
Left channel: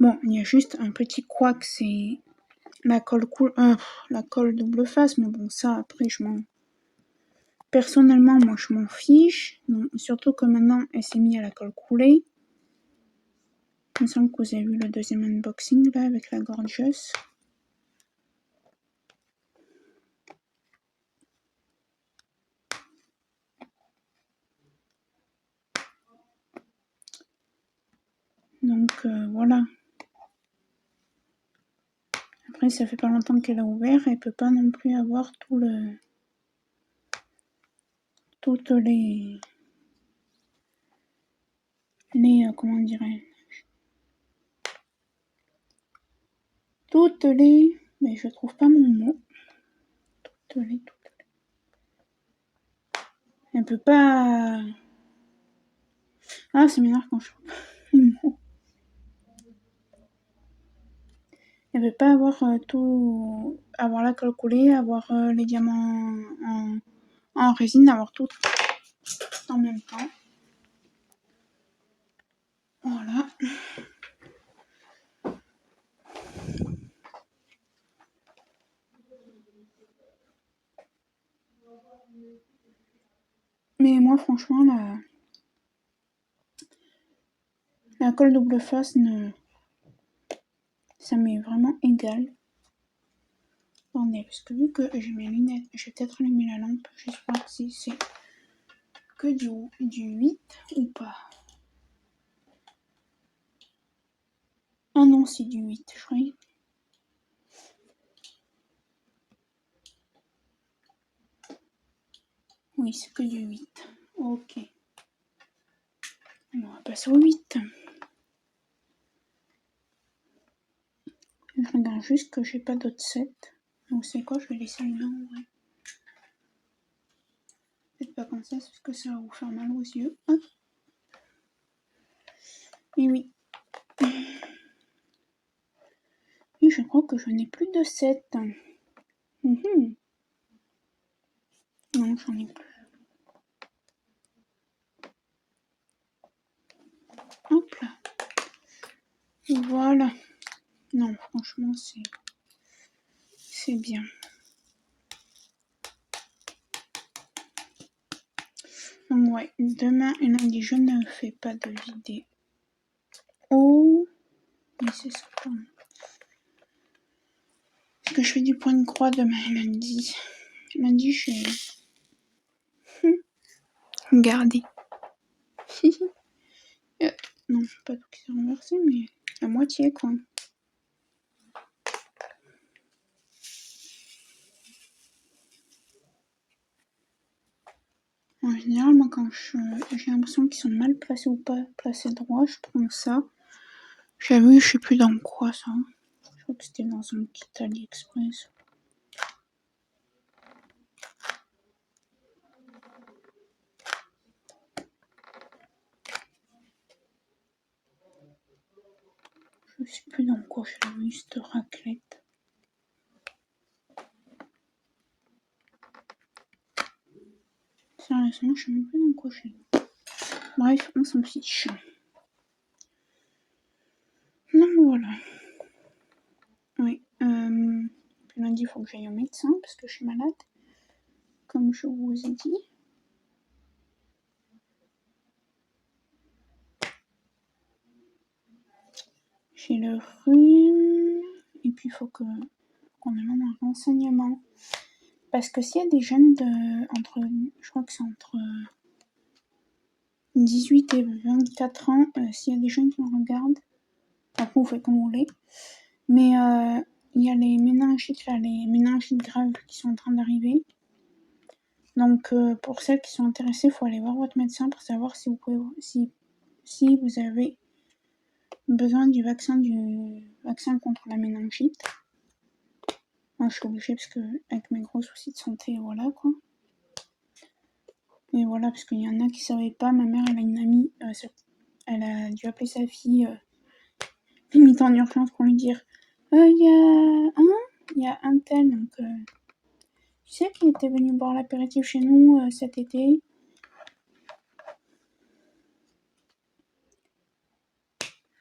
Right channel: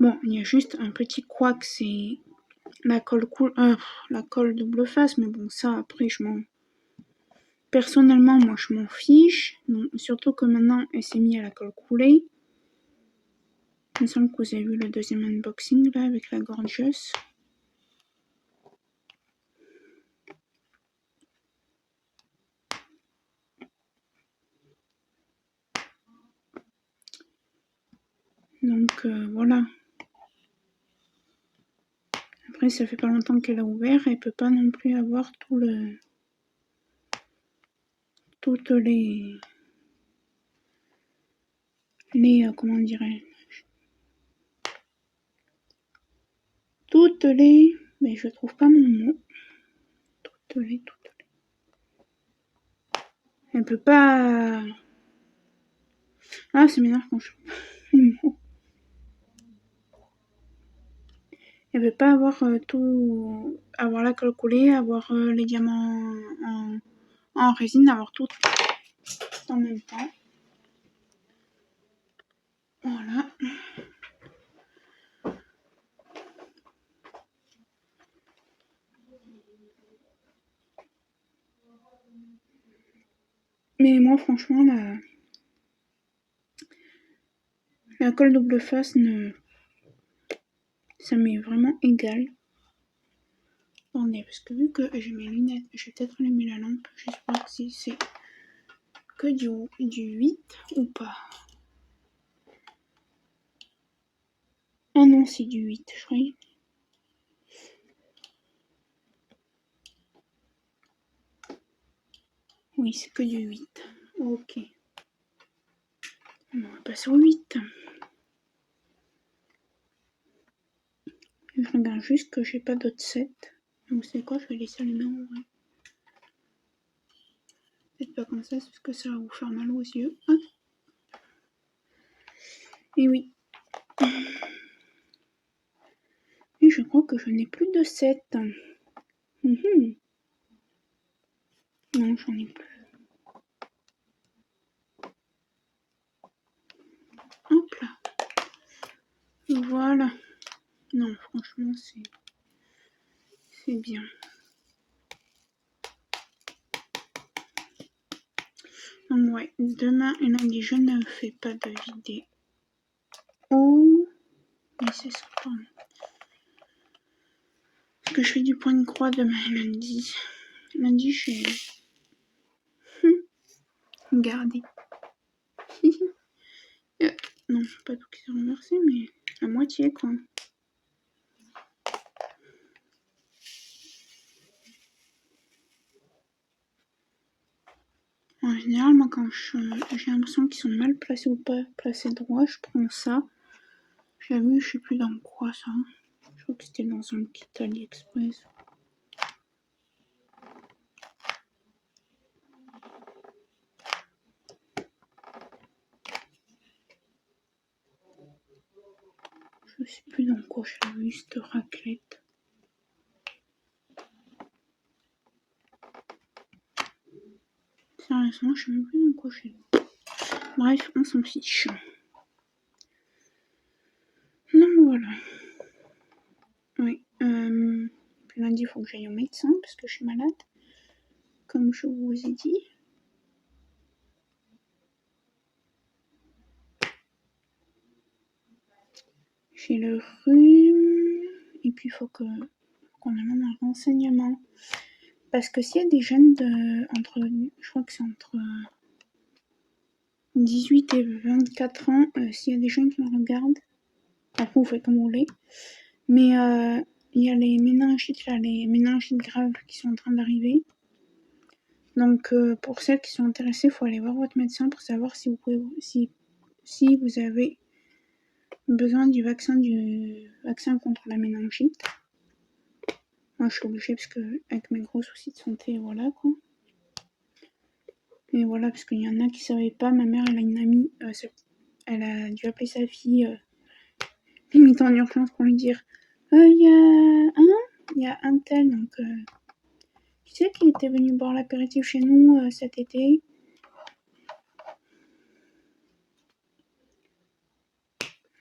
Bon, il y a juste un petit couac, c'est la colle double face, mais bon ça après je m'en... Personnellement moi je m'en fiche, donc, surtout que maintenant elle s'est mise à la colle coulée. Il me semble que vous avez vu le deuxième unboxing là avec la Gorgeous. Donc voilà. Après, ça fait pas longtemps qu'elle a ouvert, elle peut pas non plus avoir toutes les comment dirais-je, mais je trouve pas mon mot. Toutes les. Elle peut pas. Ah, ça m'énerve quand je trouve pas les mots. Elle veut pas avoir tout, avoir la colle collée, avoir les diamants en résine, avoir tout en même temps. Voilà. Mais moi, franchement, la colle double face, ça m'est vraiment égal. Attendez, parce que vu que j'ai mes lunettes, je vais peut-être allumer la lampe. J'espère que si c'est que du 8 ou pas. Ah non, c'est du 8, je croyais. Oui, c'est que du 8. Ok. On va passer au 8. Je regarde juste que j'ai pas d'autres sets. Donc c'est quoi, je vais laisser allumer en vrai. Peut-être pas comme ça, parce que ça va vous faire mal aux yeux. Hop. Et oui. Et je crois que je n'ai plus de 7. Non, j'en ai plus. Hop là. Voilà. Non, franchement, c'est bien. Donc ouais, demain et lundi, je ne fais pas de vidéo. Oh, mais c'est ça. Parce que je fais du point de croix demain et lundi. Lundi, je vais garder. Non, pas tout qui s'est renversé, mais la moitié quoi. En général, moi, quand j'ai l'impression qu'ils sont mal placés ou pas placés droit, je prends ça. J'avoue, je sais plus dans quoi ça. Je crois que c'était dans un kit AliExpress. Je sais plus dans quoi j'ai vu cette raclette. Sérieusement, je sais même plus dans quoi j'ai vu. Bref, on s'en fiche. Donc voilà. Oui. Puis lundi, il faut que j'aille au médecin parce que je suis malade. Comme je vous ai dit. J'ai le rhume. Et puis il faut qu'on amène un renseignement. Parce que s'il y a des jeunes je crois que c'est entre 18 et 24 ans, s'il y a des jeunes qui me regardent, après vous faites comme vous voulez, mais il y a les méningites là, les méningites graves qui sont en train d'arriver. Donc pour celles qui sont intéressées, il faut aller voir votre médecin pour savoir si vous avez besoin du vaccin contre la méningite. Moi je suis obligée parce que avec mes gros soucis de santé, voilà quoi. Et voilà, parce qu'il y en a qui savaient pas. Ma mère, elle a une amie, elle a dû appeler sa fille limite en urgence pour lui dire il y a un tel, donc tu sais qu'il était venu boire l'apéritif chez nous cet été.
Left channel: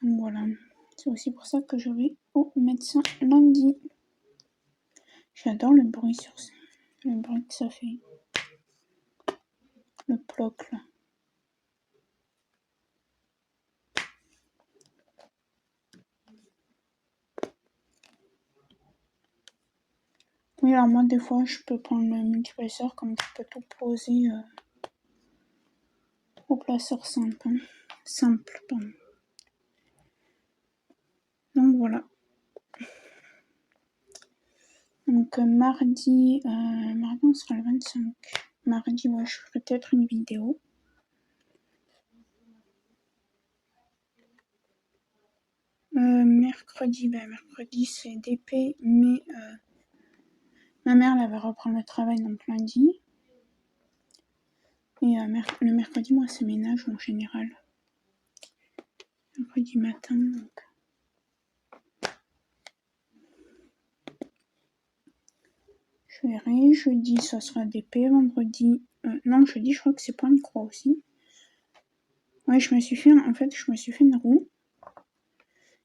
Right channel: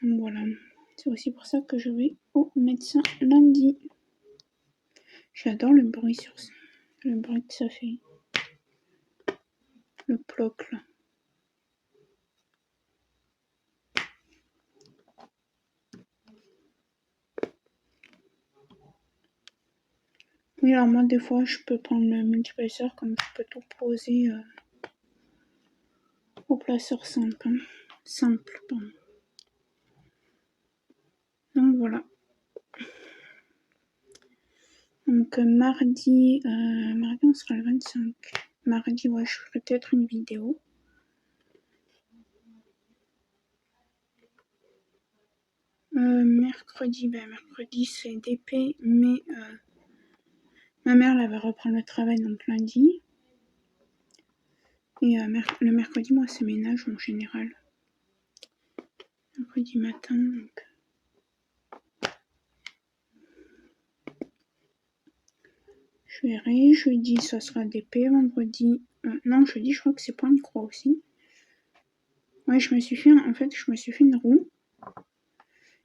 Donc voilà, c'est aussi pour ça que je vais au médecin lundi. J'adore le bruit le bruit que ça fait. Le ploc là. Oui, alors moi des fois je peux prendre le multiplaceur comme je peux tout poser au placeur simple. Simple, pardon. voilà. Donc mardi, on sera le 25. Mardi, ouais, je ferai peut-être une vidéo. Mercredi, c'est DP, mais ma mère, elle va reprendre le travail donc lundi. Et le mercredi, moi, c'est ménage en général. Mercredi matin, donc. Je verrai. Jeudi, ça sera DP. Vendredi, non, jeudi, je crois que c'est point de croix aussi. Ouais, je me suis fait une roue.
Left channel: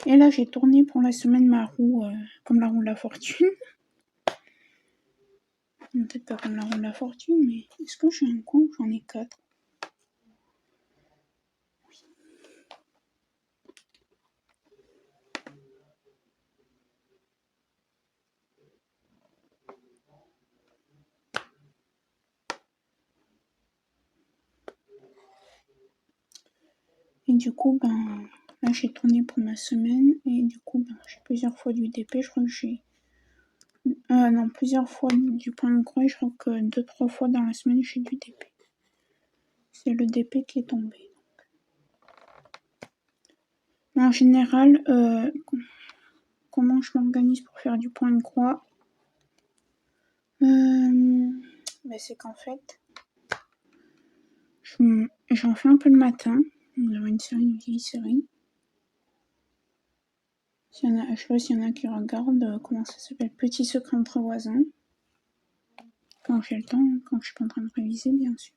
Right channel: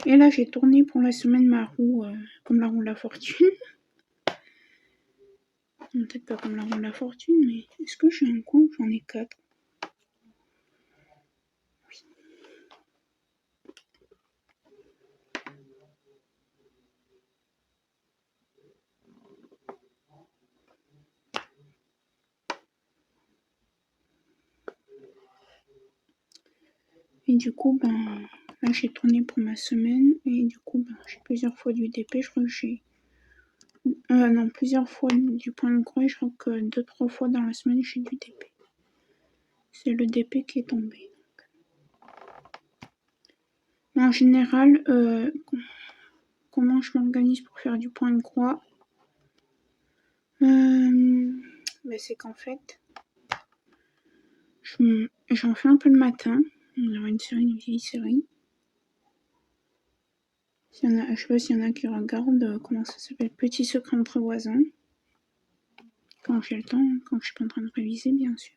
Et là, j'ai tourné pour la semaine ma roue, comme la roue de la fortune. Peut-être pas comme la roue de la fortune, mais est-ce que j'ai un coin où j'en ai 4? Oui. Et du coup, là, j'ai tourné pour ma semaine. Et du coup, j'ai plusieurs fois du DP. Je crois que j'ai... non, plusieurs fois du point de croix. Je crois que 2-3 fois dans la semaine, j'ai du DP. C'est le DP qui est tombé. En général, comment je m'organise pour faire du point de croix? C'est qu'en fait, j'en fais un peu le matin. Alors une vieille série. Je sais pas s'il y en a qui regardent, comment ça s'appelle, Petit secret entre voisins. Quand j'ai le temps, quand je suis pas en train de réviser, bien sûr.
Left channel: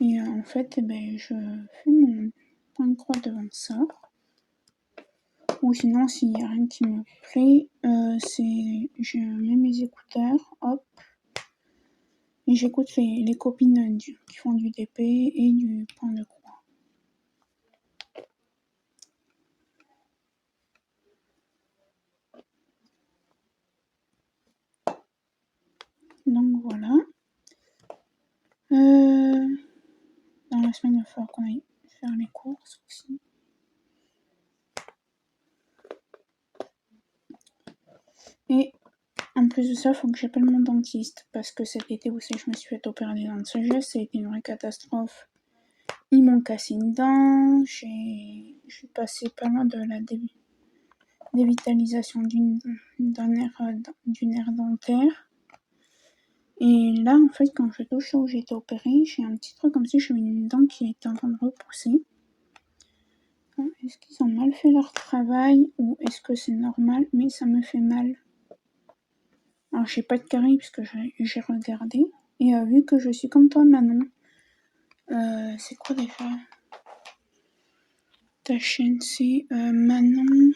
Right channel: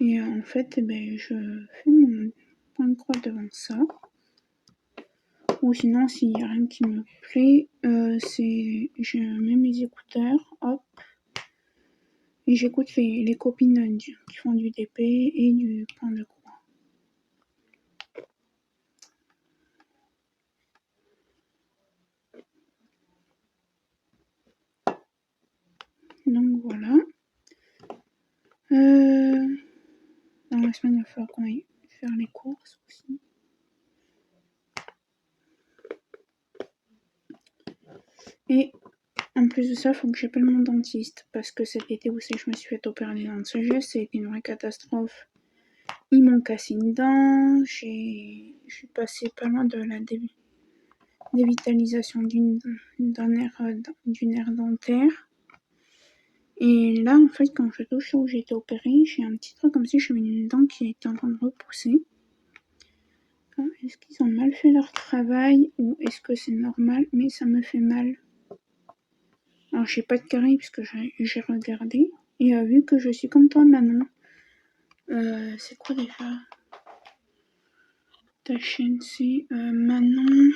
Et en fait, je fais mon point de croix devant ça. Ou sinon, s'il n'y a rien qui me plaît, je mets mes écouteurs, hop, et j'écoute les copines qui font du DP et du point de croix. Donc voilà. Dans la semaine, il va falloir qu'on aille faire les courses aussi. Et en plus de ça, il faut que j'appelle mon dentiste parce que cet été, vous savez, je me suis fait opérer des dents de sagesse. Ça a été une vraie catastrophe. Ils m'ont cassé une dent. Je suis passée pas loin de la dévitalisation d'une nerf dentaire. Et là, en fait, quand je touche où j'ai été opérée, j'ai un petit truc comme si j'avais une dent qui était en train de repousser. Est-ce qu'ils ont mal fait leur travail ou est-ce que c'est normal? Mais ça me fait mal. Alors, j'ai pas de carie puisque j'ai regardé. Et vu que je suis comme toi, Manon, c'est quoi déjà ta chaîne? C'est Manon.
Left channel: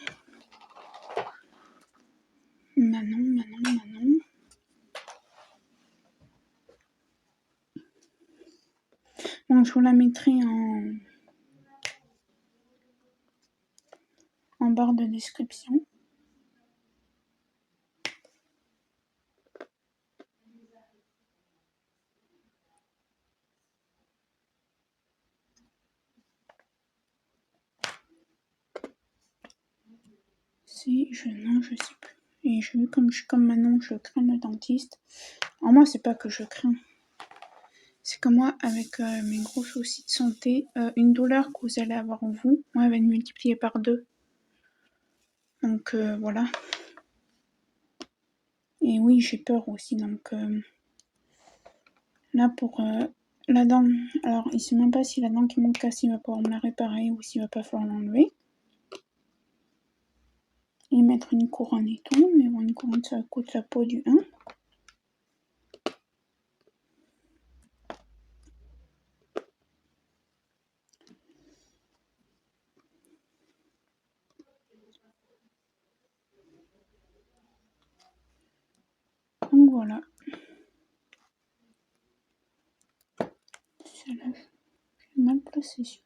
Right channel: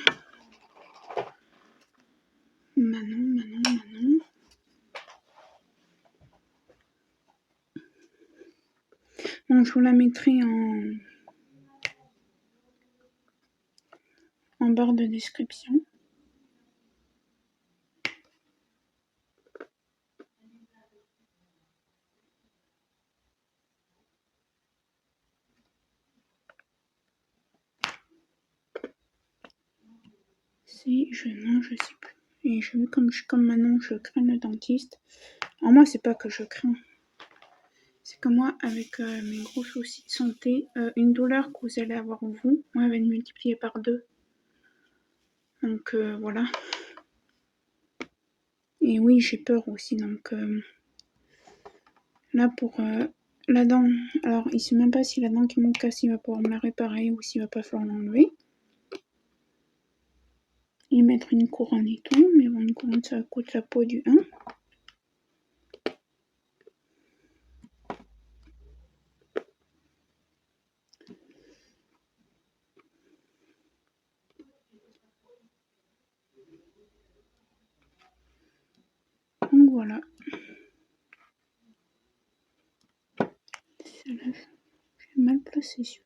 Bon, je vous la mettrai en barre de description. Non, je sais plus. Et je vu comme je suis comme Manon, je crains le dentiste. Alors moi, c'est pas que je crains. C'est que moi, avec mes gros soucis de santé, une douleur que vous allez avoir vous, moi, elle va être multipliée par 2. Donc voilà. Et oui, j'ai peur aussi. Donc là, pour la dent, alors il sait même pas si la dent qui m'ont cassée, il va pouvoir me la réparer ou s'il va pas falloir l'enlever. Et mettre une couronne et tout. Mais bon, une couronne, ça coûte la peau du 1. Donc voilà. Celle-là, j'ai mal placé sur.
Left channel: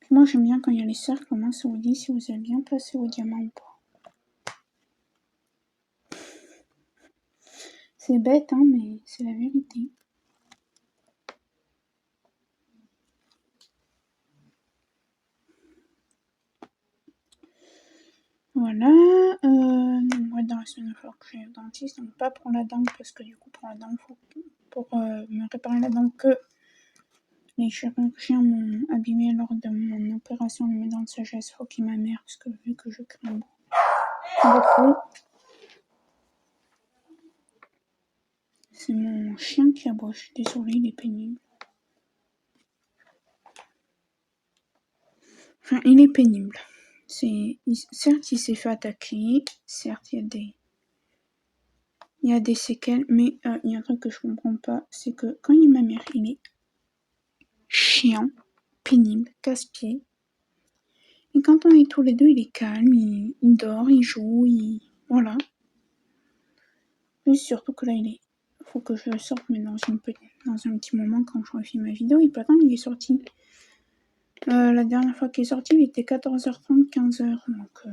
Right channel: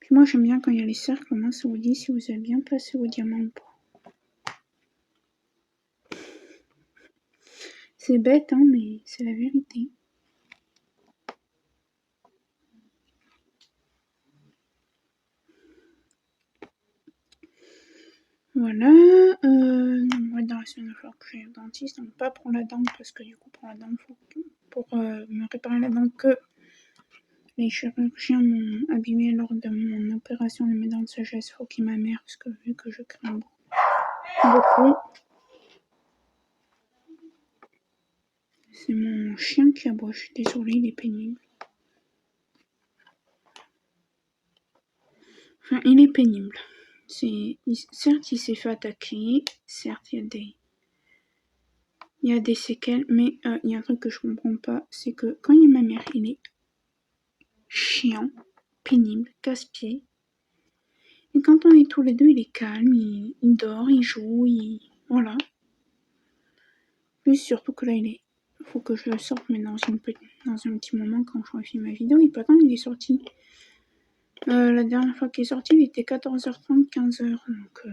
Puis moi, j'aime bien quand il y a les cercles, au moins ça vous dit si vous avez bien placé vos diamants ou pas. C'est bête, hein, mais c'est la vérité. Voilà. Moi, dans la semaine, il va falloir que j'aille au dentiste. Donc, pas pour la dent, parce que du coup, pour la dent, pour me réparer la dent que les chirurgiens m'ont abîmé lors de mon opération de mes dents de sagesse. Il faut qu'il ma mère, parce que vu que je crains beaucoup. C'est mon chien qui aboie. Je suis désolée, il est pénible. Enfin, il est pénible. Certes, il s'est fait attaquer. Certes, il y a des séquelles. Mais il y a un truc que je comprends pas. C'est que quand il y a ma mère, il est chiant, pénible, casse-pied. Et quand on est tous les deux, il est calme, il dort, il joue, voilà. Et surtout que là, il faut que je le sorte, mais dans un petit moment, quand je refilme ma vidéo, il peut attendre, il est sorti. La dernière fois qu'il est sorti, il était 14h30, 15h, donc...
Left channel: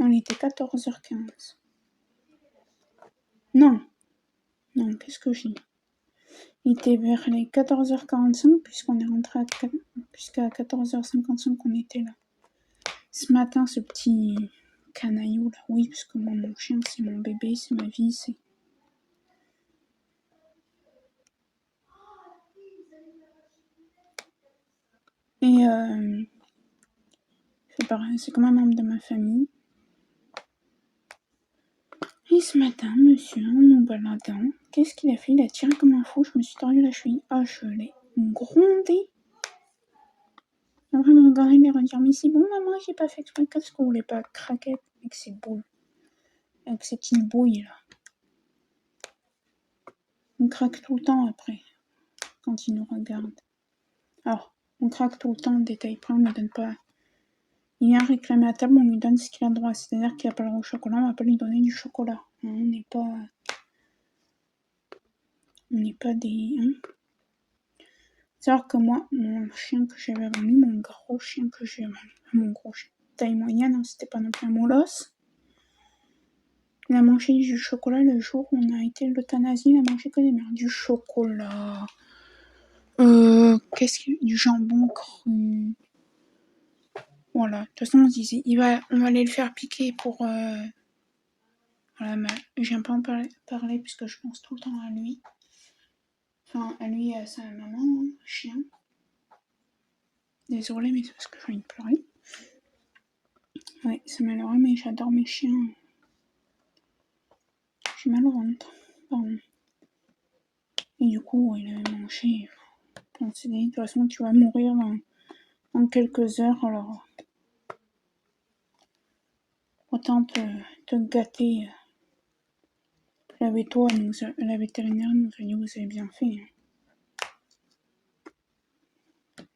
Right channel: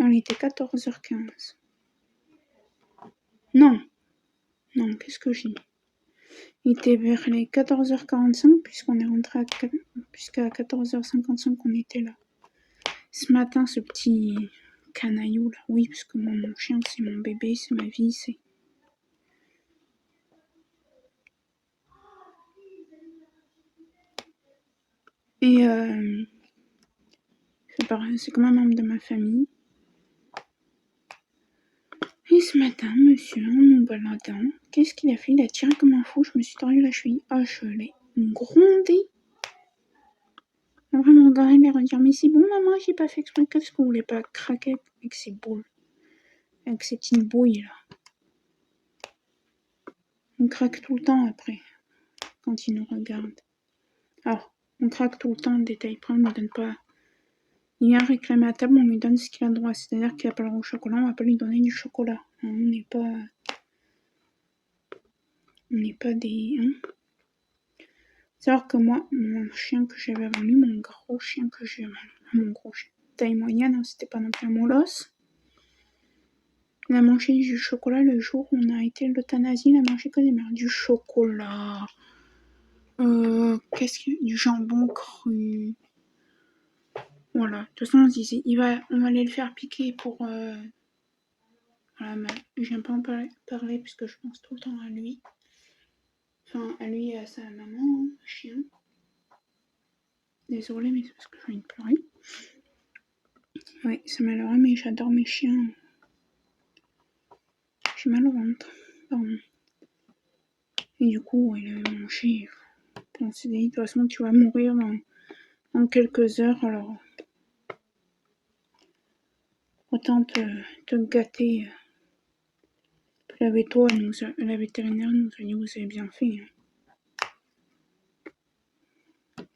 Non, il était 14h15. Non, qu'est-ce que j'ai dit? Il était vers les 14h45, puisqu'on est rentré jusqu'à 14h55 on était là. Ce matin, ce petit canaillou là, oui, parce que moi, mon chien, c'est mon bébé, c'est ma vie, c'est... Et c'est comme un membre de ma famille. Et ce matin, monsieur, en nous baladant, qu'est-ce qu'il a fait? Il a tiré comme un fou, je me suis tordu la cheville. Ah, je l'ai grondé. Il va me regarder et me dire, mais c'est bon, maman, j'ai pas fait exprès. Qu'est-ce que vous voulez pas craquer avec ces boules? Avec ces petites bouilles, là. On craque tout le temps après, quand il nous regarde. Alors, on craque tout le temps, détail près, on ne lui donne pas... Il vient réclamer à table, on lui donne ce qu'il a le droit. C'est-à-dire qu'il n'a pas le droit au chocolat, on va pas lui donner du chocolat. Hein, on n'est pas des... Hein. C'est-à-dire que moi, mon chien que j'avais avant lui, mon gros chien que j'ai avant lui, mon gros chien, taille moyenne, hein, c'était pas non plus un molosse. On a mangé du chocolat le jour où on a été à l'euthanasie, il a mangé que des merdes. Du chocolat. Du jambon cru. Voilà. De toute façon, on se disait, on va aller le faire piquer pour... Voilà, mais j'aime pas en parler puisque je pense tout le temps à lui. Enfin, à lui et à sa maman, hein, chien. Désolée, mais c'est parce que j'ai envie de pleurer. Ouais, c'est malheureux, mais j'adore mes chiens. J'ai mal au ventre. Pardon. Et du coup, il avait mangé. On s'est dit, de toute façon, tu vas mourir dans quelques heures, alors autant te gâter. La vétérinaire nous a dit, vous avez bien fait. Hein.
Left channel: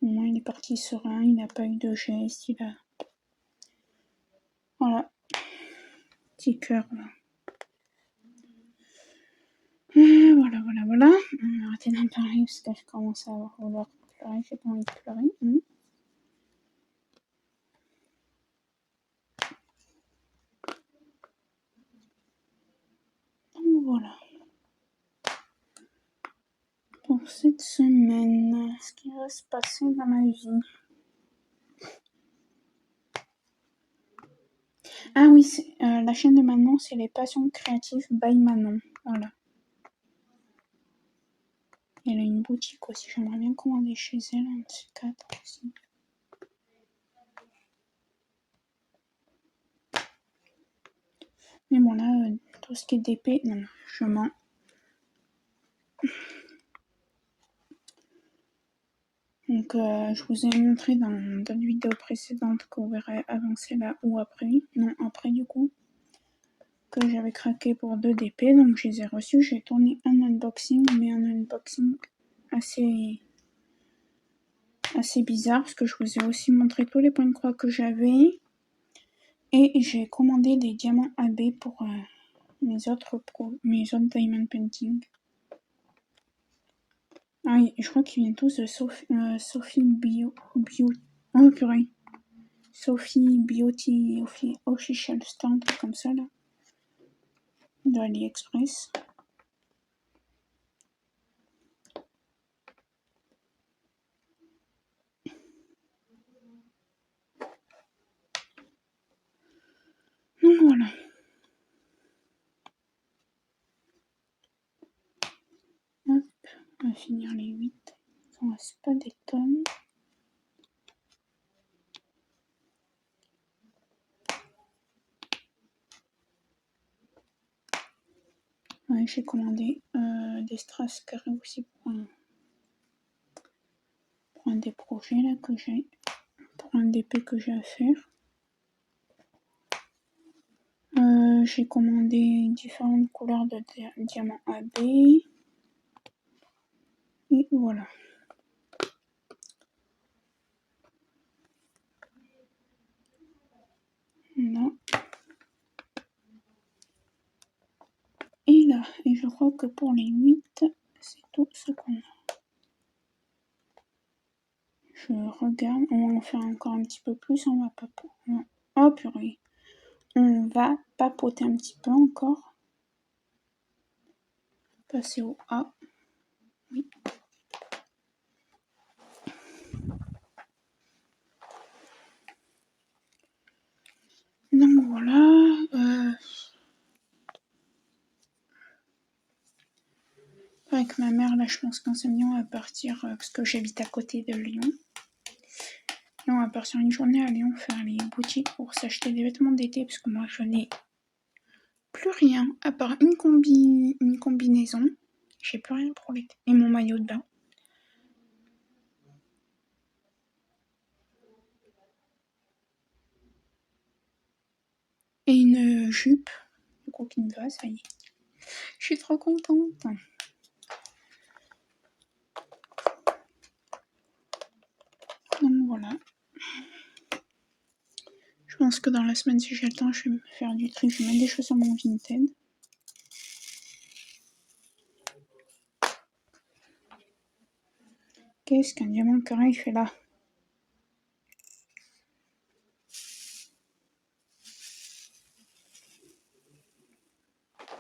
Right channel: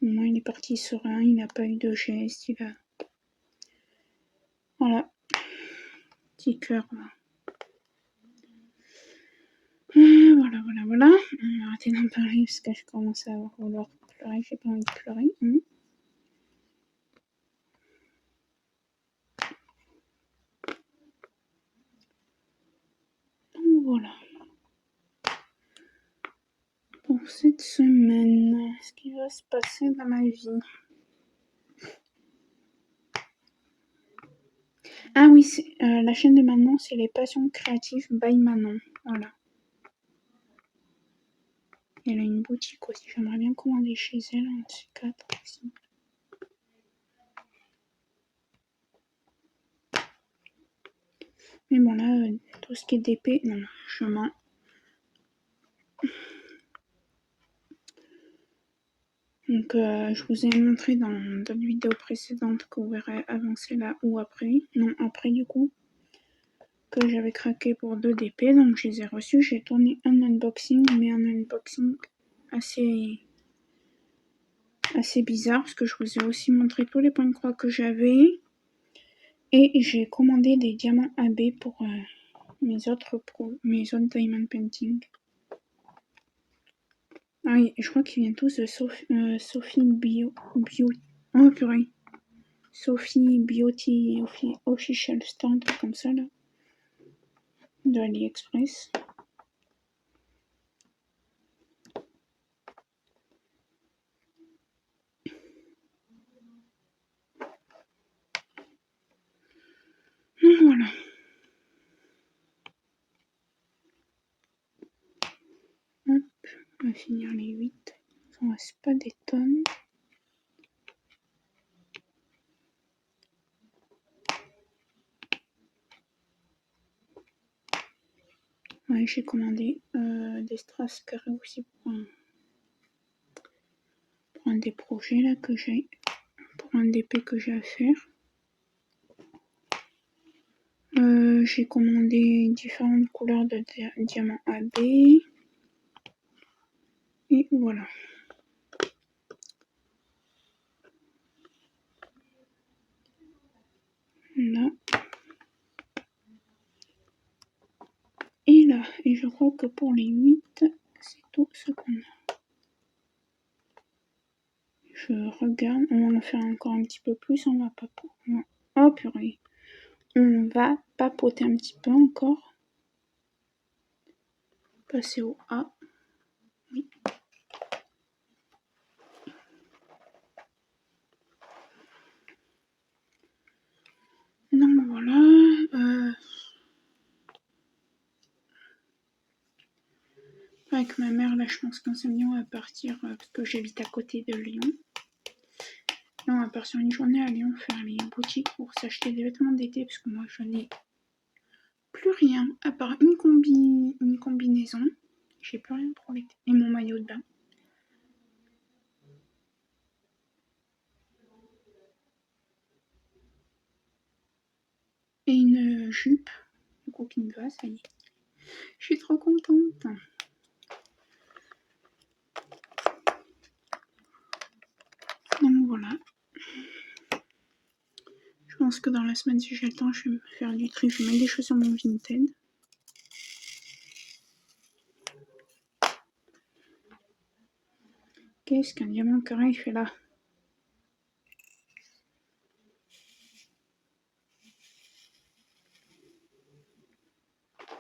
Au moins, il est parti serein, il n'a pas eu de geste, il a... Voilà. Petit cœur, là. Voilà. On va arrêter d'en parler parce que je commence à vouloir pleurer. J'ai pas envie de pleurer. Donc voilà. Pour cette semaine, ce qui va se passer dans ma vie. Ah oui, la chaîne de Manon, c'est les passions créatives by Manon. Voilà. Elle a une boutique aussi. J'aimerais bien commander chez elle un de ces 4 aussi. Mais bon, là, tout ce qui est DP, non, je mens. Donc, je vous ai montré dans d'autres vidéos précédentes que vous verrez avancer là ou après. Non, après du coup. Que j'avais craqué pour 2 DP. Donc, je les ai reçus. J'ai tourné un unboxing, mais un unboxing assez bizarre. Parce que je vous ai aussi montré tous les points de croix que j'avais. Et j'ai commandé des diamants AB pour mes autres diamond painting. Ah oui, je crois qu'ils viennent tous de Sophie Bio. Oh purée. Sophie Beauty Official Stand, comme ça là. De AliExpress. On va finir les 8. Il ne reste pas des tonnes. Ouais, j'ai commandé des strass carrés aussi pour un des projets là que j'ai, pour un DP que j'ai à faire. J'ai commandé différentes couleurs de diamants AB. Et voilà. Là. Et là. Et je crois que pour les 8, c'est tout ce qu'on a. Je regarde. On va en faire encore un petit peu plus. On va pas... Oh purée. On va papoter un petit peu encore. Passer au A. Oui. Donc voilà. Avec ma mère, là, je pense qu'un samedi, on va partir, parce que j'habite à côté de Lyon. Et on va partir une journée à Lyon faire les boutiques pour s'acheter des vêtements d'été, parce que moi, je n'ai plus rien, à part une combinaison. J'ai plus rien pour l'été. Et mon maillot de bain. Et une jupe, du coup, qui me va, ça y est. Je suis trop contente. Donc voilà. Je pense que dans la semaine, si j'ai le temps, je vais me faire du tri. Je vais mettre des choses sur mon Vinted. Qu'est-ce qu'un diamant carré fait là?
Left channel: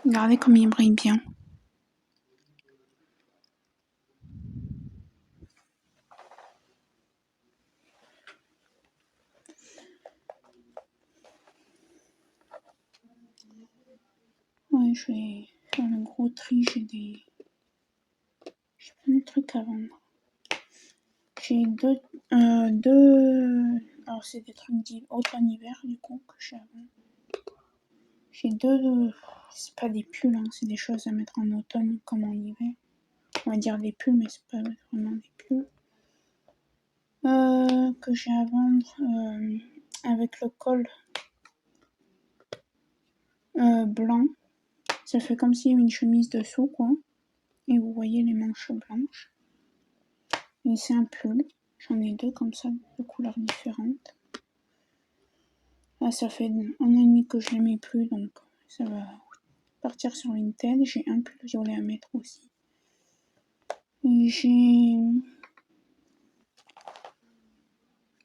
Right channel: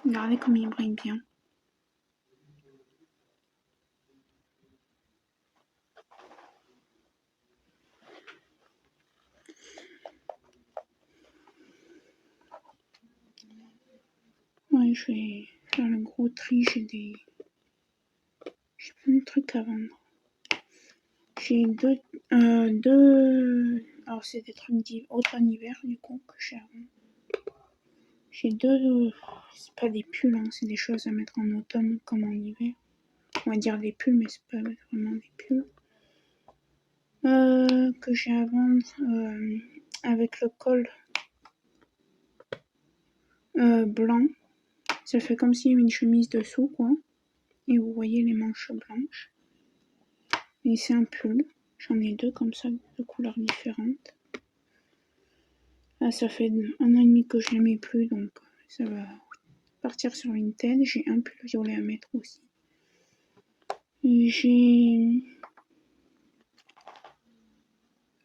Regardez comme il brille bien. Ouais, je vais faire le gros tri. J'ai plein de trucs à vendre. J'ai deux... Alors c'est des trucs automne-hiver du coup que j'ai à vendre. J'ai deux... C'est pas des pulls, hein, c'est des choses à mettre en automne comme en hiver. On va dire des pulls, mais c'est pas vraiment des pulls. Que j'ai à vendre avec le col blanc. Ça fait comme s'il y avait une chemise dessous, quoi. Et vous voyez les manches blanches. Et c'est un pull. J'en ai deux comme ça, de couleurs différentes. Ah, ça fait 1 an et demi que je les mets plus, donc ça va partir sur Vinted. J'ai un pull violet à mettre aussi. J'ai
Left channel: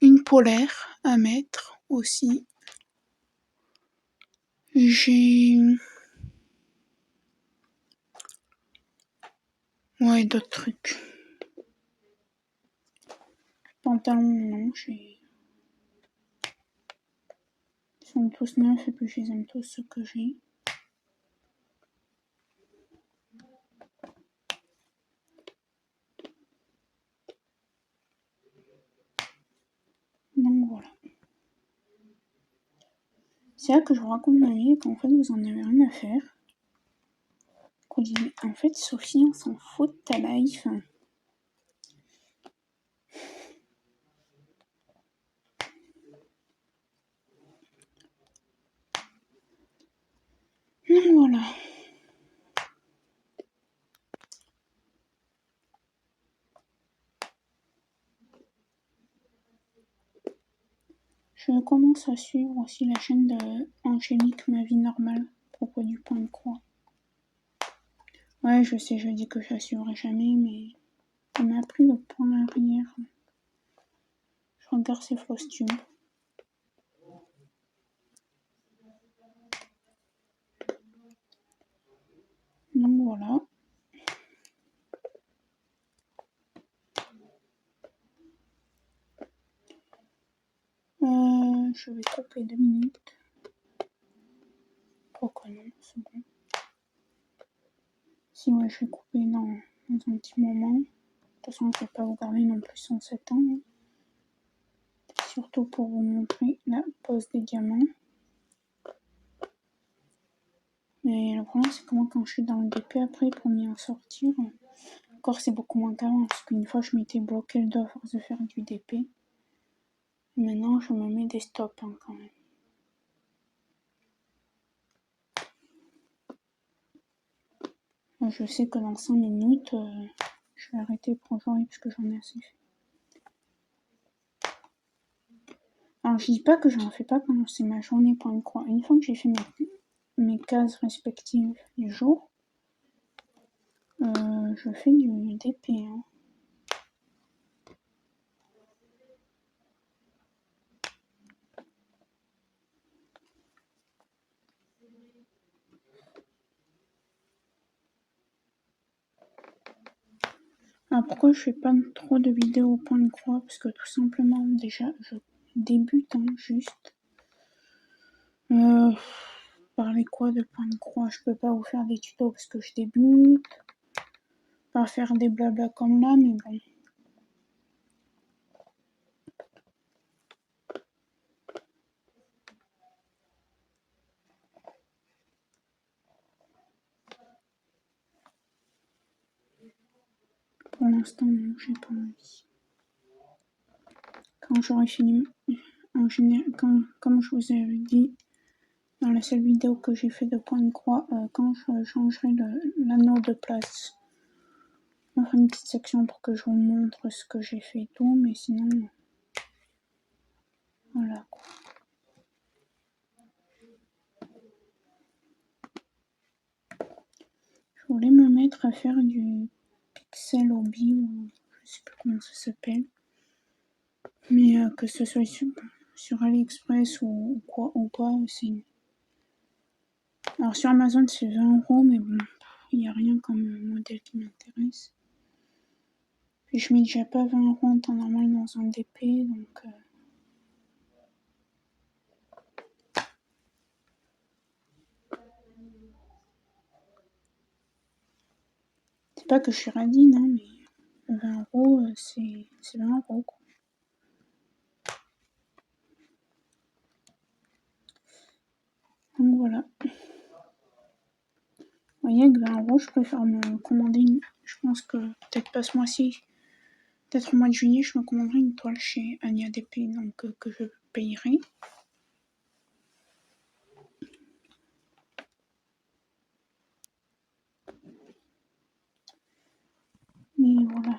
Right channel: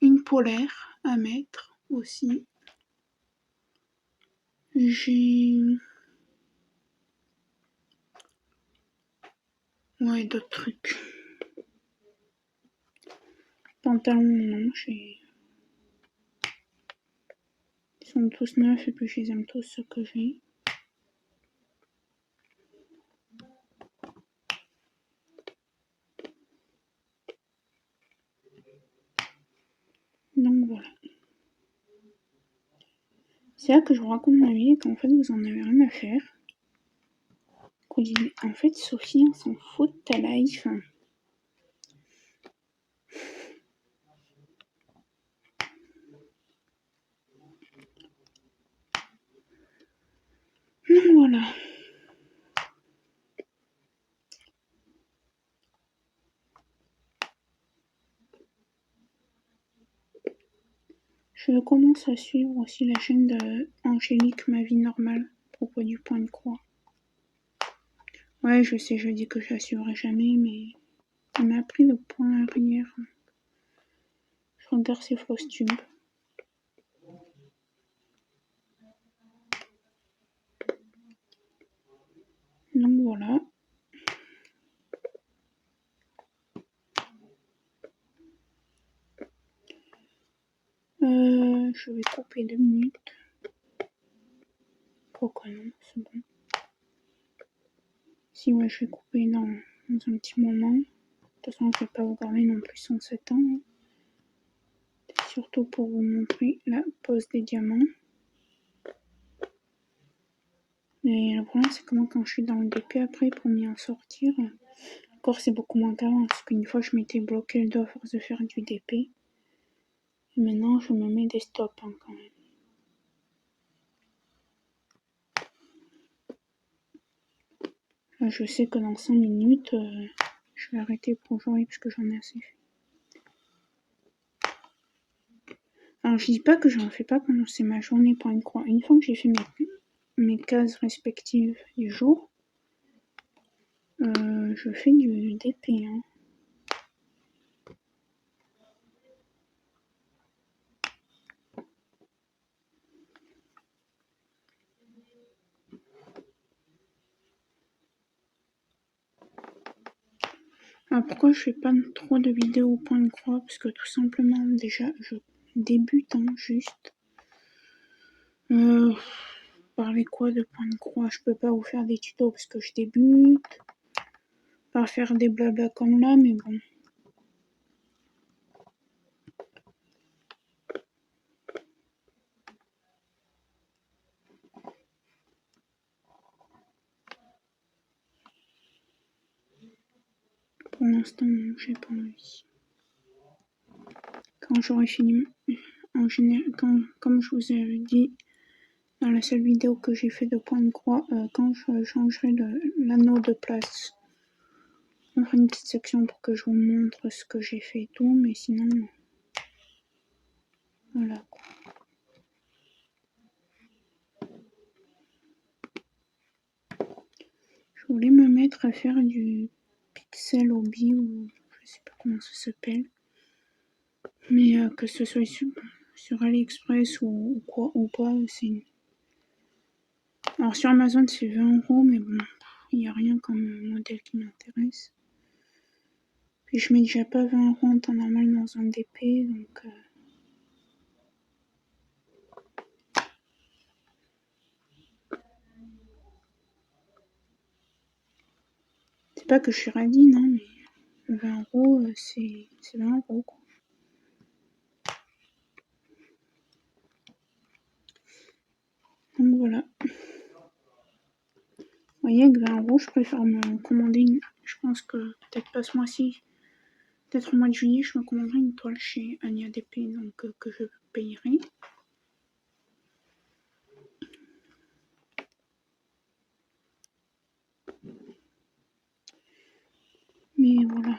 une polaire à mettre aussi. J'ai... Ouais, d'autres trucs. Pantalons, non, j'ai... Ils sont tous neufs et puis je les aime tous ceux que j'ai. Donc voilà. C'est là que je vous raconte ma vie et qu'en fait vous en avez rien à faire. Qu'on dit, mais en fait Sophie, on s'en fout de ta life. Donc voilà. Je commence à suivre aussi la chaîne de Angélique, ma vie normale, à propos du point de croix. Ouais, je sais, je dis que je la suivrai jamais, mais elle m'a appris le point arrière. Je regarde ses fausses tubes. Donc voilà. Je vais couper 2 minutes. Pourquoi non, c'est bon. Si ouais, je vais couper, non, dans un petit moment. De toute façon, je ne vais pas vous garder non plus 107 ans. Hein. Surtout pour vous montrer la pose des diamants. Mais le problème, c'est que moi, quand je suis dans le DP après, pour m'y en sortir, encore c'est beaucoup moins qu'avant. Parce qu'une fois, je m'étais bloqué le dos à force de faire du DP. Et maintenant, je me mets des stops hein, quand même. Je sais que dans 5 minutes, je vais arrêter pour aujourd'hui parce que j'en ai assez fait. Alors, je dis pas que j'en fais pas quand c'est ma journée pour une croix. Une fois que j'ai fait mes cases respectives du jour, je fais du DP. Hein. Alors pourquoi je fais pas trop de vidéos au point de croix? Parce que tout simplement, déjà, je débute hein, juste. Parler quoi de point de croix? Je peux pas vous faire des tutos parce que je débute. Pas faire des blabla comme là, mais bon. Pour l'instant, j'ai pas envie. Quand j'aurai fini, en général, comme je vous ai dit dans la seule vidéo que j'ai fait de point de croix, quand je changerai l'anneau de place, on fera une petite section pour que je vous montre ce que j'ai fait et tout, mais sinon, voilà quoi. Je voulais me mettre à faire du pixel hobby ou je sais pas comment ça s'appelle, mais que ce soit sur AliExpress ou quoi ou pas, c'est. Alors sur Amazon c'est 20 €, mais bon, il n'y a rien comme modèle qui m'intéresse. Puis je mets déjà pas 20 € en temps normal dans un DP, donc. C'est pas que je suis radine, hein, mais 20 €, c'est 20 € quoi. Donc voilà. Vous voyez, avec 20 €, je préfère me commander une. Je pense que peut-être pas ce mois-ci, peut-être au mois de juillet, je me commanderai une toile chez Ania DP, donc que je payerai. Mais voilà.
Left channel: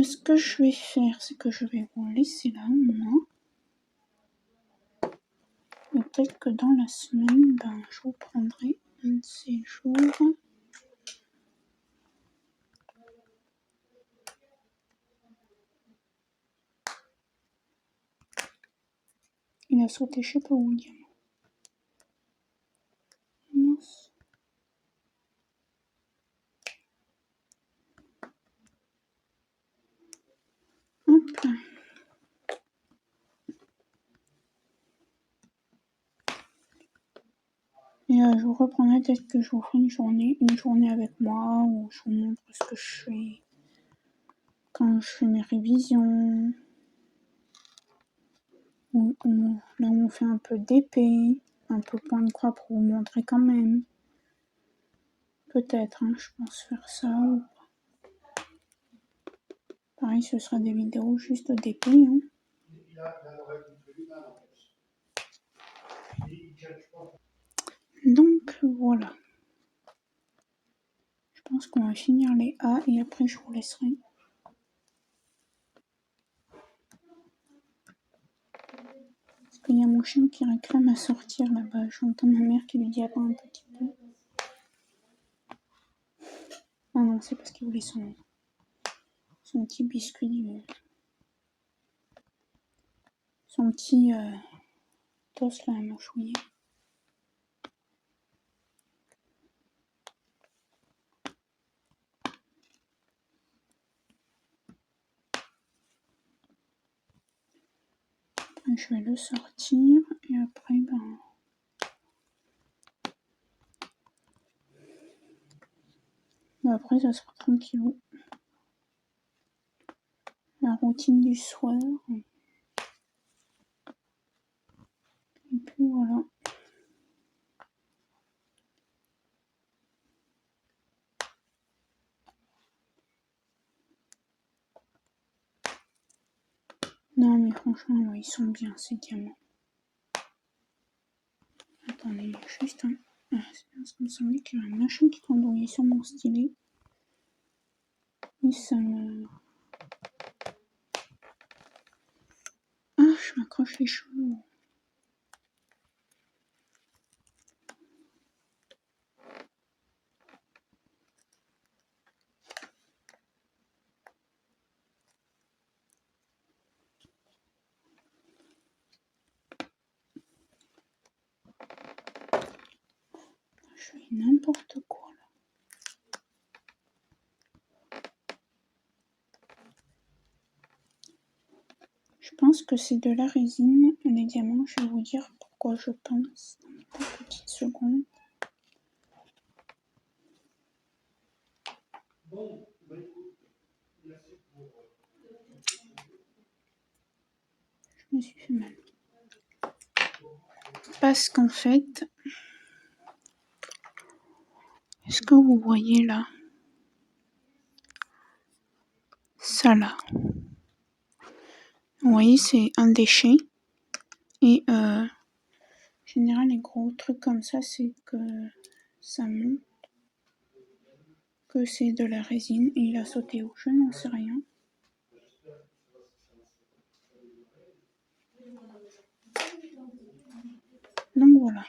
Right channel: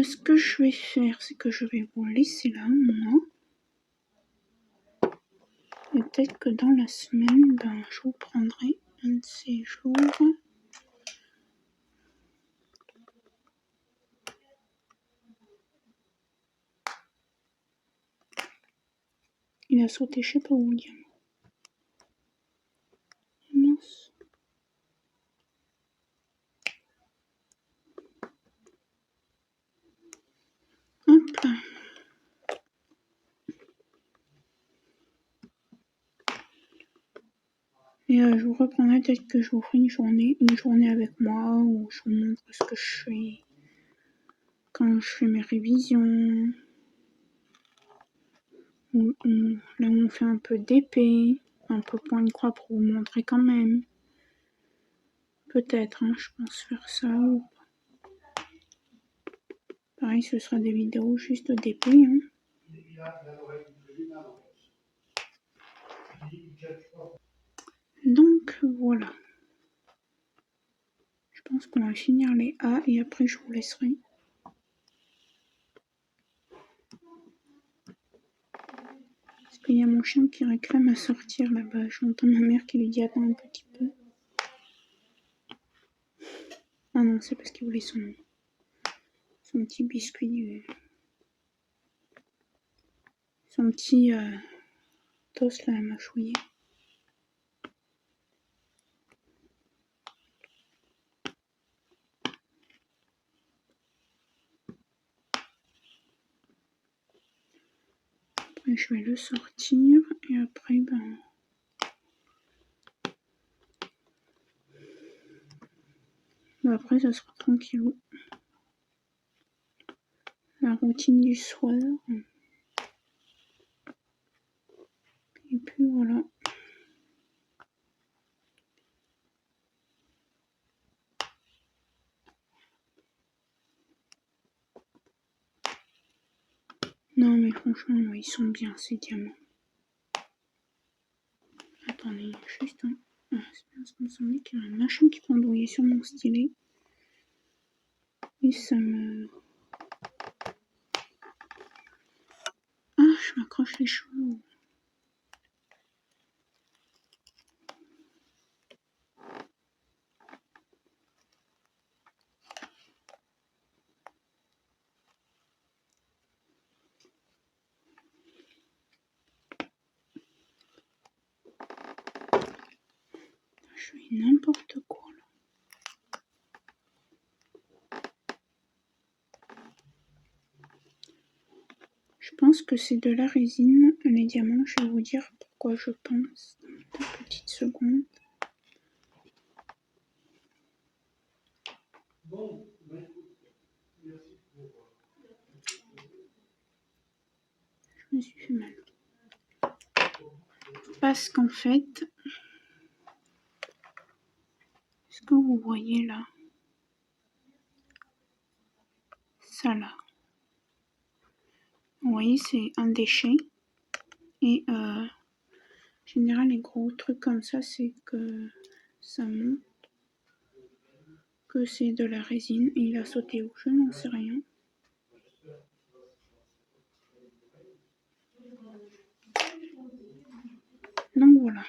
Ce que je vais faire, c'est que je vais vous laisser là, moi. Et peut-être que dans la semaine, ben, je vous prendrai un de ces jours. Il a sauté, je sais pas où, le diamant. Mince. Hop là. Et je vous reprendrai peut-être que je vous ferai une journée avec moi, où je vous montre ce que je fais quand je fais mes révisions. Là où on fait un peu d'épée, un peu point de croix pour vous montrer quand même. Peut-être, hein, je pense faire ça ou pas. Pareil, ce sera des vidéos juste d'épée. Hein. Donc voilà. Je pense qu'on va finir les A et après je vous laisserai. Parce qu'il y a mon chien qui réclame à sortir là-bas. J'entends ma mère qui lui dit attends un petit peu. Ah non, c'est parce qu'il voulait son petit biscuit, son petit toast là à mâchouiller. Et je vais le sortir et après après ça sera tranquillou. La routine du soir. Et puis voilà. Non mais franchement, ouais, ils sont bien ces diamants. Attendez, juste un... Ah, c'est bien, ça me semblait qu'il y a un machin qui pendouillait sur mon stylet. Et ça me... Ah, je m'accroche les cheveux. Je fais n'importe quoi là. Je pense que c'est de la résine, les diamants. Je vais vous dire pourquoi je pense. Dans une petite seconde. Je me suis fait mal. Parce qu'en fait, est-ce que vous voyez là? Ça là. Vous voyez, c'est un déchet. Et en général, les gros trucs comme ça, c'est que ça montre que c'est de la résine. Et il a sauté où? Je n'en sais rien. Donc voilà.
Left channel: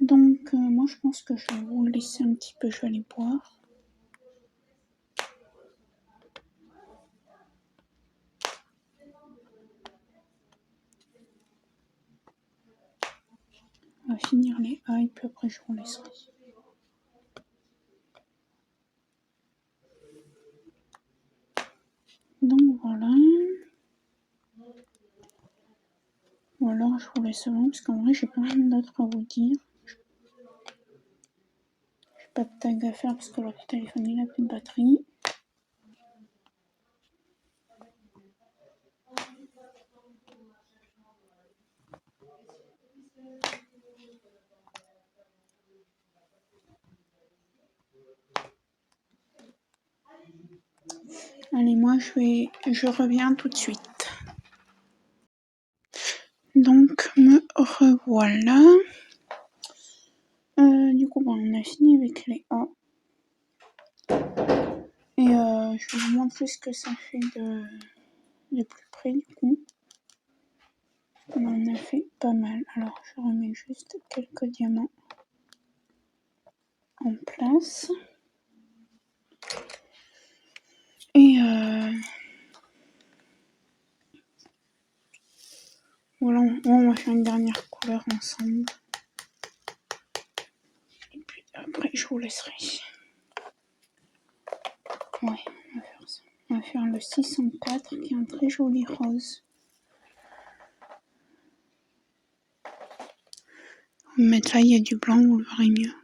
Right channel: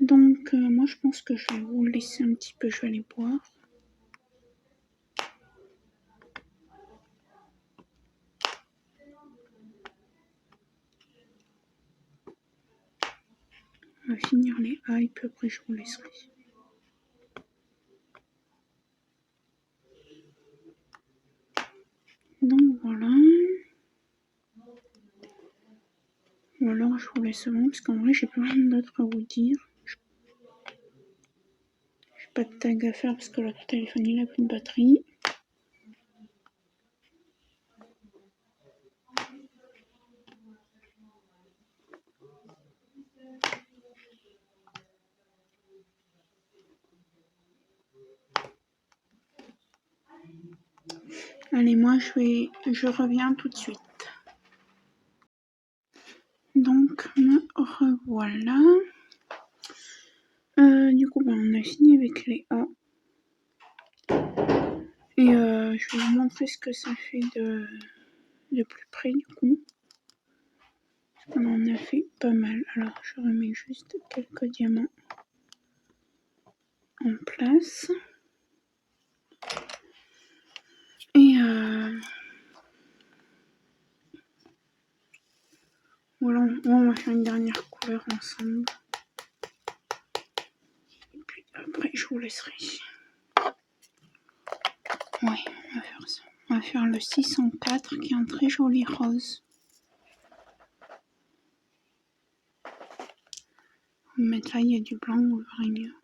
Donc moi je pense que je vais vous laisser un petit peu, je vais aller boire. On va finir les A et puis après je vous laisserai. Donc voilà. Ou alors je vous laisse avant parce qu'en vrai j'ai pas rien d'autre à vous dire. J'ai pas de tag à faire parce que l'autre téléphone il a plus de batterie. Allez, moi je reviens tout de suite. Donc me revoilà. Du coup on a fini avec les A. Et je vais vous montrer ce que ça fait de plus près du coup. On en a fait pas mal. Alors je remets juste quelques diamants en place. Et voilà, on va faire une dernière couleur ensemble. Et puis après je vous laisserai. Ouais, on va faire ça. On va faire le 604 qui est un très joli rose. On va mettre là, il y a du blanc, vous le verrez mieux.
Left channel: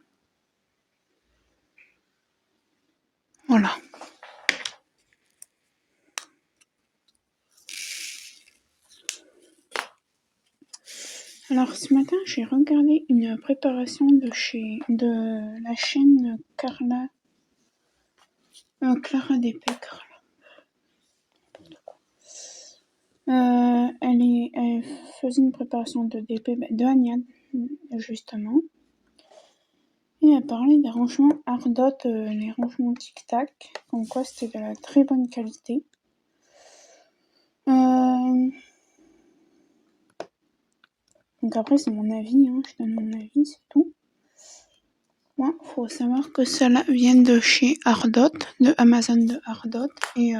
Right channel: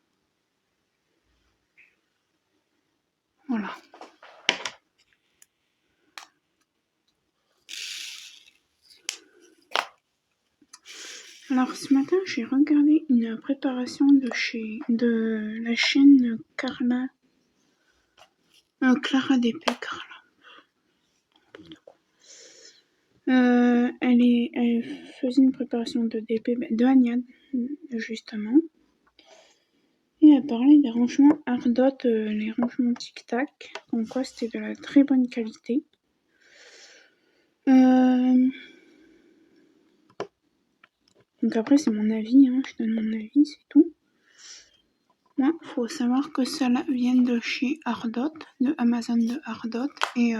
Voilà. Alors ce matin j'ai regardé une préparation de la chaîne Clara DP. Elle faisait une préparation de DP de Agnade justement. Et elle parlait des rangements Ardot, les rangements Tic Tac, comme quoi c'était de la très bonne qualité. Donc après c'est mon avis, hein, je donne mon avis, c'est tout. Moi, faut savoir que cela vient de chez Ardot, de Amazon de Ardot, et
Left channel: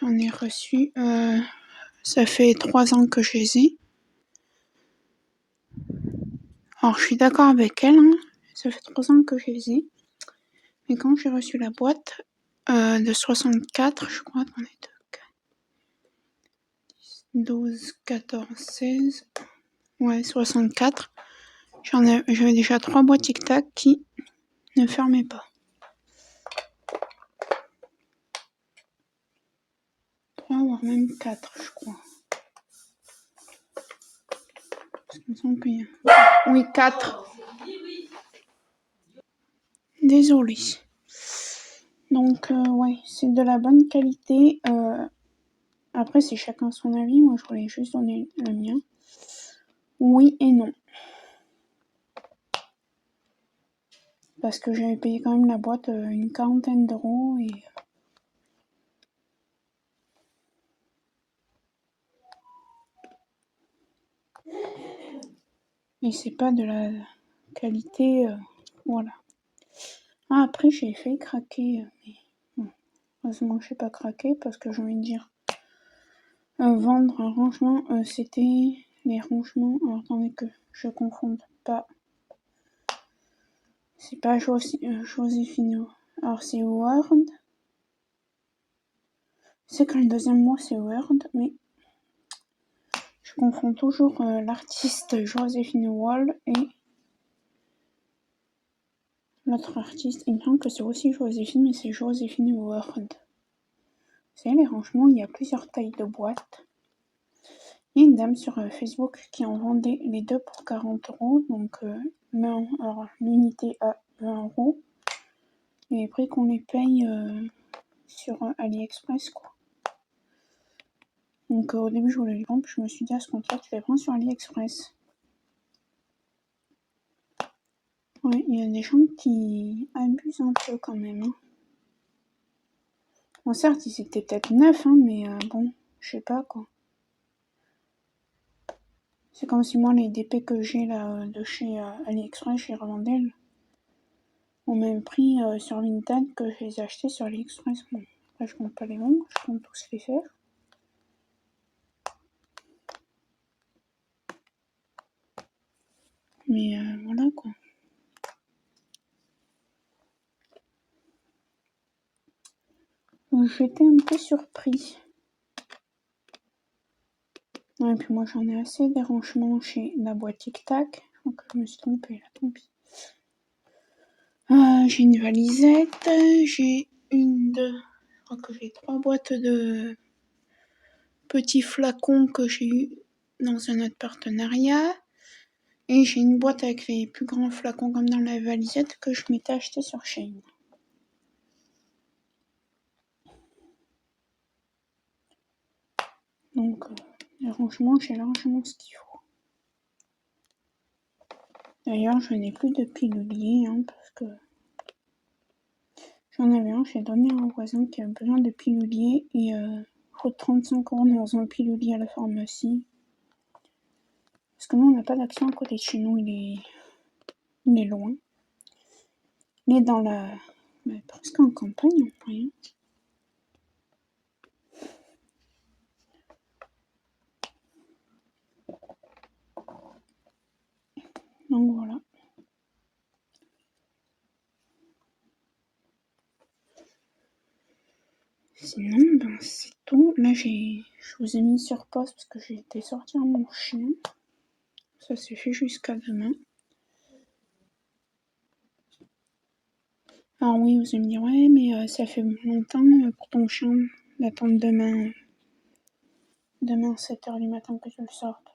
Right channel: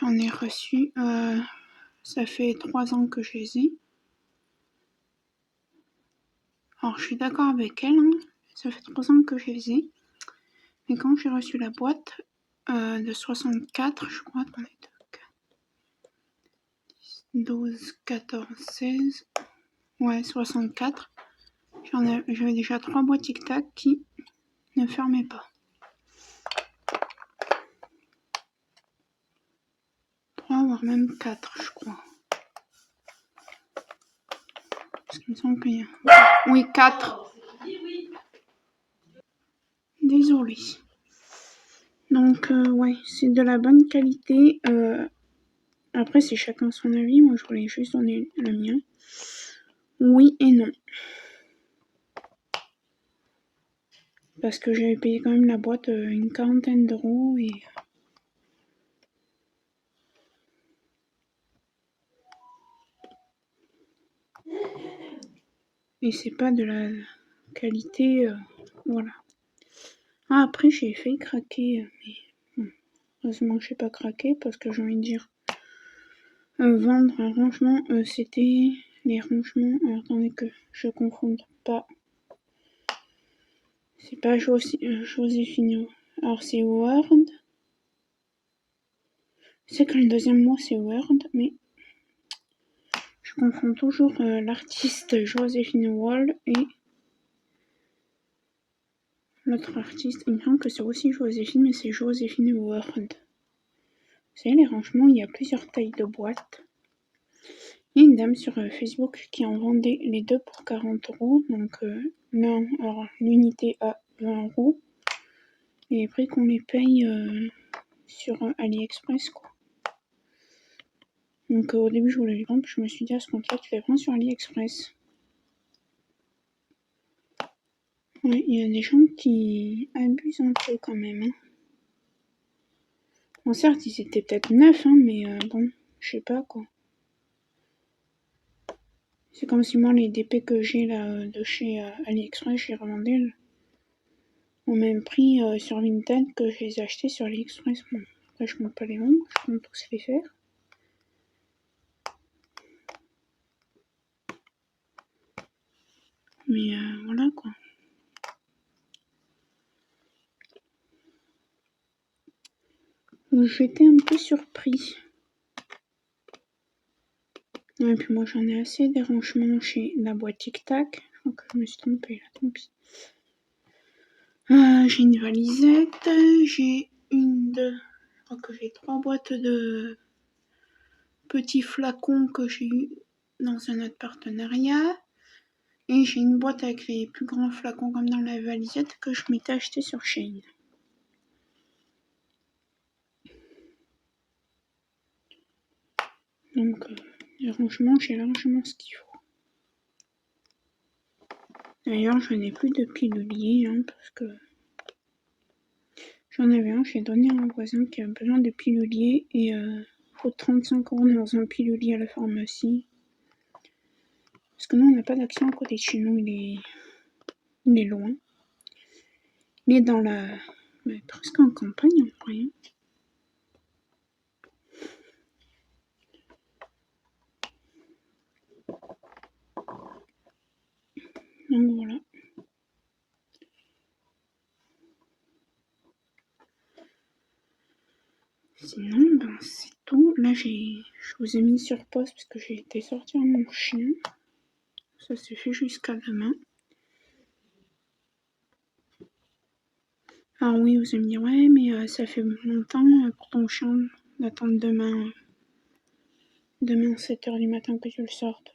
j'en ai reçu, ça fait 3 ans que je les ai. Alors je suis d'accord avec elle, hein. Ça fait 3 ans que je les ai. Mais quand j'ai reçu la boîte de 64, je crois, attendez, 12, 14, 16, ouais, 64. J'avais déjà 3 boîtes Tic Tac qui ne fermaient pas. 3, voire même 4, je crois. Parce qu'il me semble qu'il y a... Oui, 4. Désolée. Donc, ouais, c'est de la bonne qualité. Après, c'est chacun son avis. Moi, je voulais juste donner le mien. Oui et non. Parce que j'avais payé quand même la boîte une 40aine d'euros et c'est pas de la qualité, voilà. Ah, après, j'ai failli craquer, mais bon, heureusement que j'ai pas craqué parce que j'ai envie de dire vendre un rangement, c'était les rangements. Alors attendez que je confonde pas. C'est pas Joséphine. Alors c'est Word. C'est que le deuxième mois c'est Word, mais je confonds toujours l'artiste Joséphine Wall et l'autre artiste. Il me semble que c'est aussi Joséphine, mais c'est Joséphine Word. Vous savez, les rangements, il y a plusieurs tailles de boîtes. Il y a une dame sur Facebook qui en vendait les deux pour 40 euros. Donc, alors l'unité à 20 euros. Et les prix qu'on les paye sur AliExpress, quoi. Donc, au début, je voulais les vendre, puis je me suis dit à ce compte-là, tu les prends sur AliExpress. Ouais, il y a des gens qui abusent un peu quand même. Hein. Bon, certes, ils étaient peut-être neufs, hein, mais bon, je sais pas quoi. C'est comme si moi, les DP que j'ai là de chez AliExpress, je les revendais au même prix sur Vinted que je les ai achetés sur AliExpress. Bon, après, je compte pas les vendre, je compte tous les faire. Mais voilà quoi. J'étais un peu surpris. Et puis moi j'en ai assez des rangements chez la boîte Tic Tac. Je crois que je me suis trompée là, tant pis. J'ai une valisette, j'ai je crois que j'ai 3 boîtes de petits flacons que j'ai eu dans un autre partenariat. Et j'ai une boîte avec les plus grands flacons comme dans la valisette que je m'étais acheté sur Shein. Donc, franchement, j'ai largement ce qu'il faut. D'ailleurs, je n'ai plus de pilulier, hein, parce que j'en avais un, j'ai donné à un voisin qui avait besoin de pilulier et faut 35 € dans un pilulier à la pharmacie. Parce que nous, on n'a pas d'accès à côté de chez nous, il est loin. Il est dans la... presque en campagne, en vrai. Donc voilà. Sinon, ben c'est tout. Là, je vous ai mis sur pause parce que j'ai été sortir mon chien. Ça s'est fait jusqu'à demain. Alors oui, vous allez me dire, ouais, mais ça fait longtemps pour ton chien d'attendre demain 7h du matin que tu le sortes.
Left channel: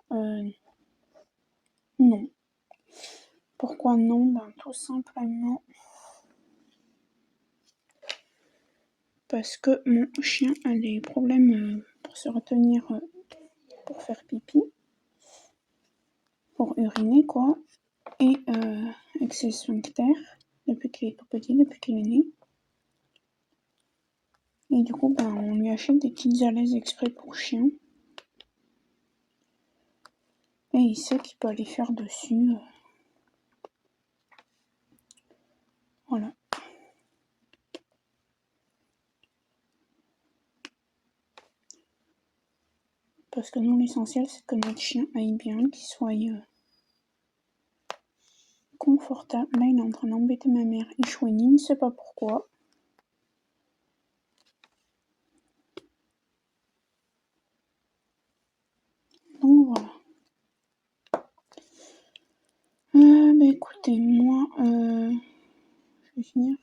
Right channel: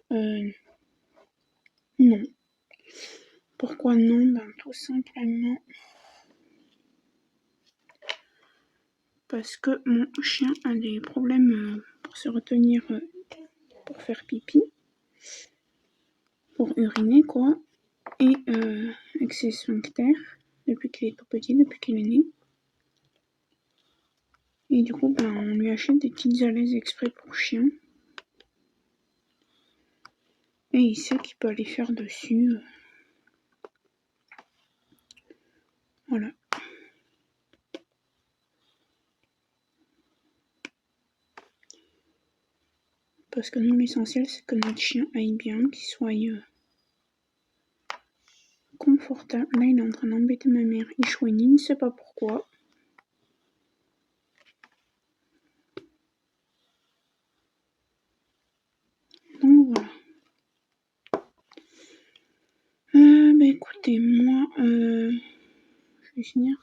Non. Pourquoi non? Ben tout simplement parce que mon chien a des problèmes pour se retenir pour faire pipi, pour uriner quoi, et avec ses sphincters depuis qu'il est tout petit, depuis qu'il est né. Et du coup, ben, on lui achète des petites alaises exprès pour chien. Et il sait qu'il peut aller faire dessus. Voilà. Parce que nous, l'essentiel, c'est que notre chien aille bien, qu'il soit inconfortable. Là, il est en train d'embêter ma mère. Il chouine, il ne sait pas pourquoi. Donc voilà. Bah écoutez, moi, je vais finir.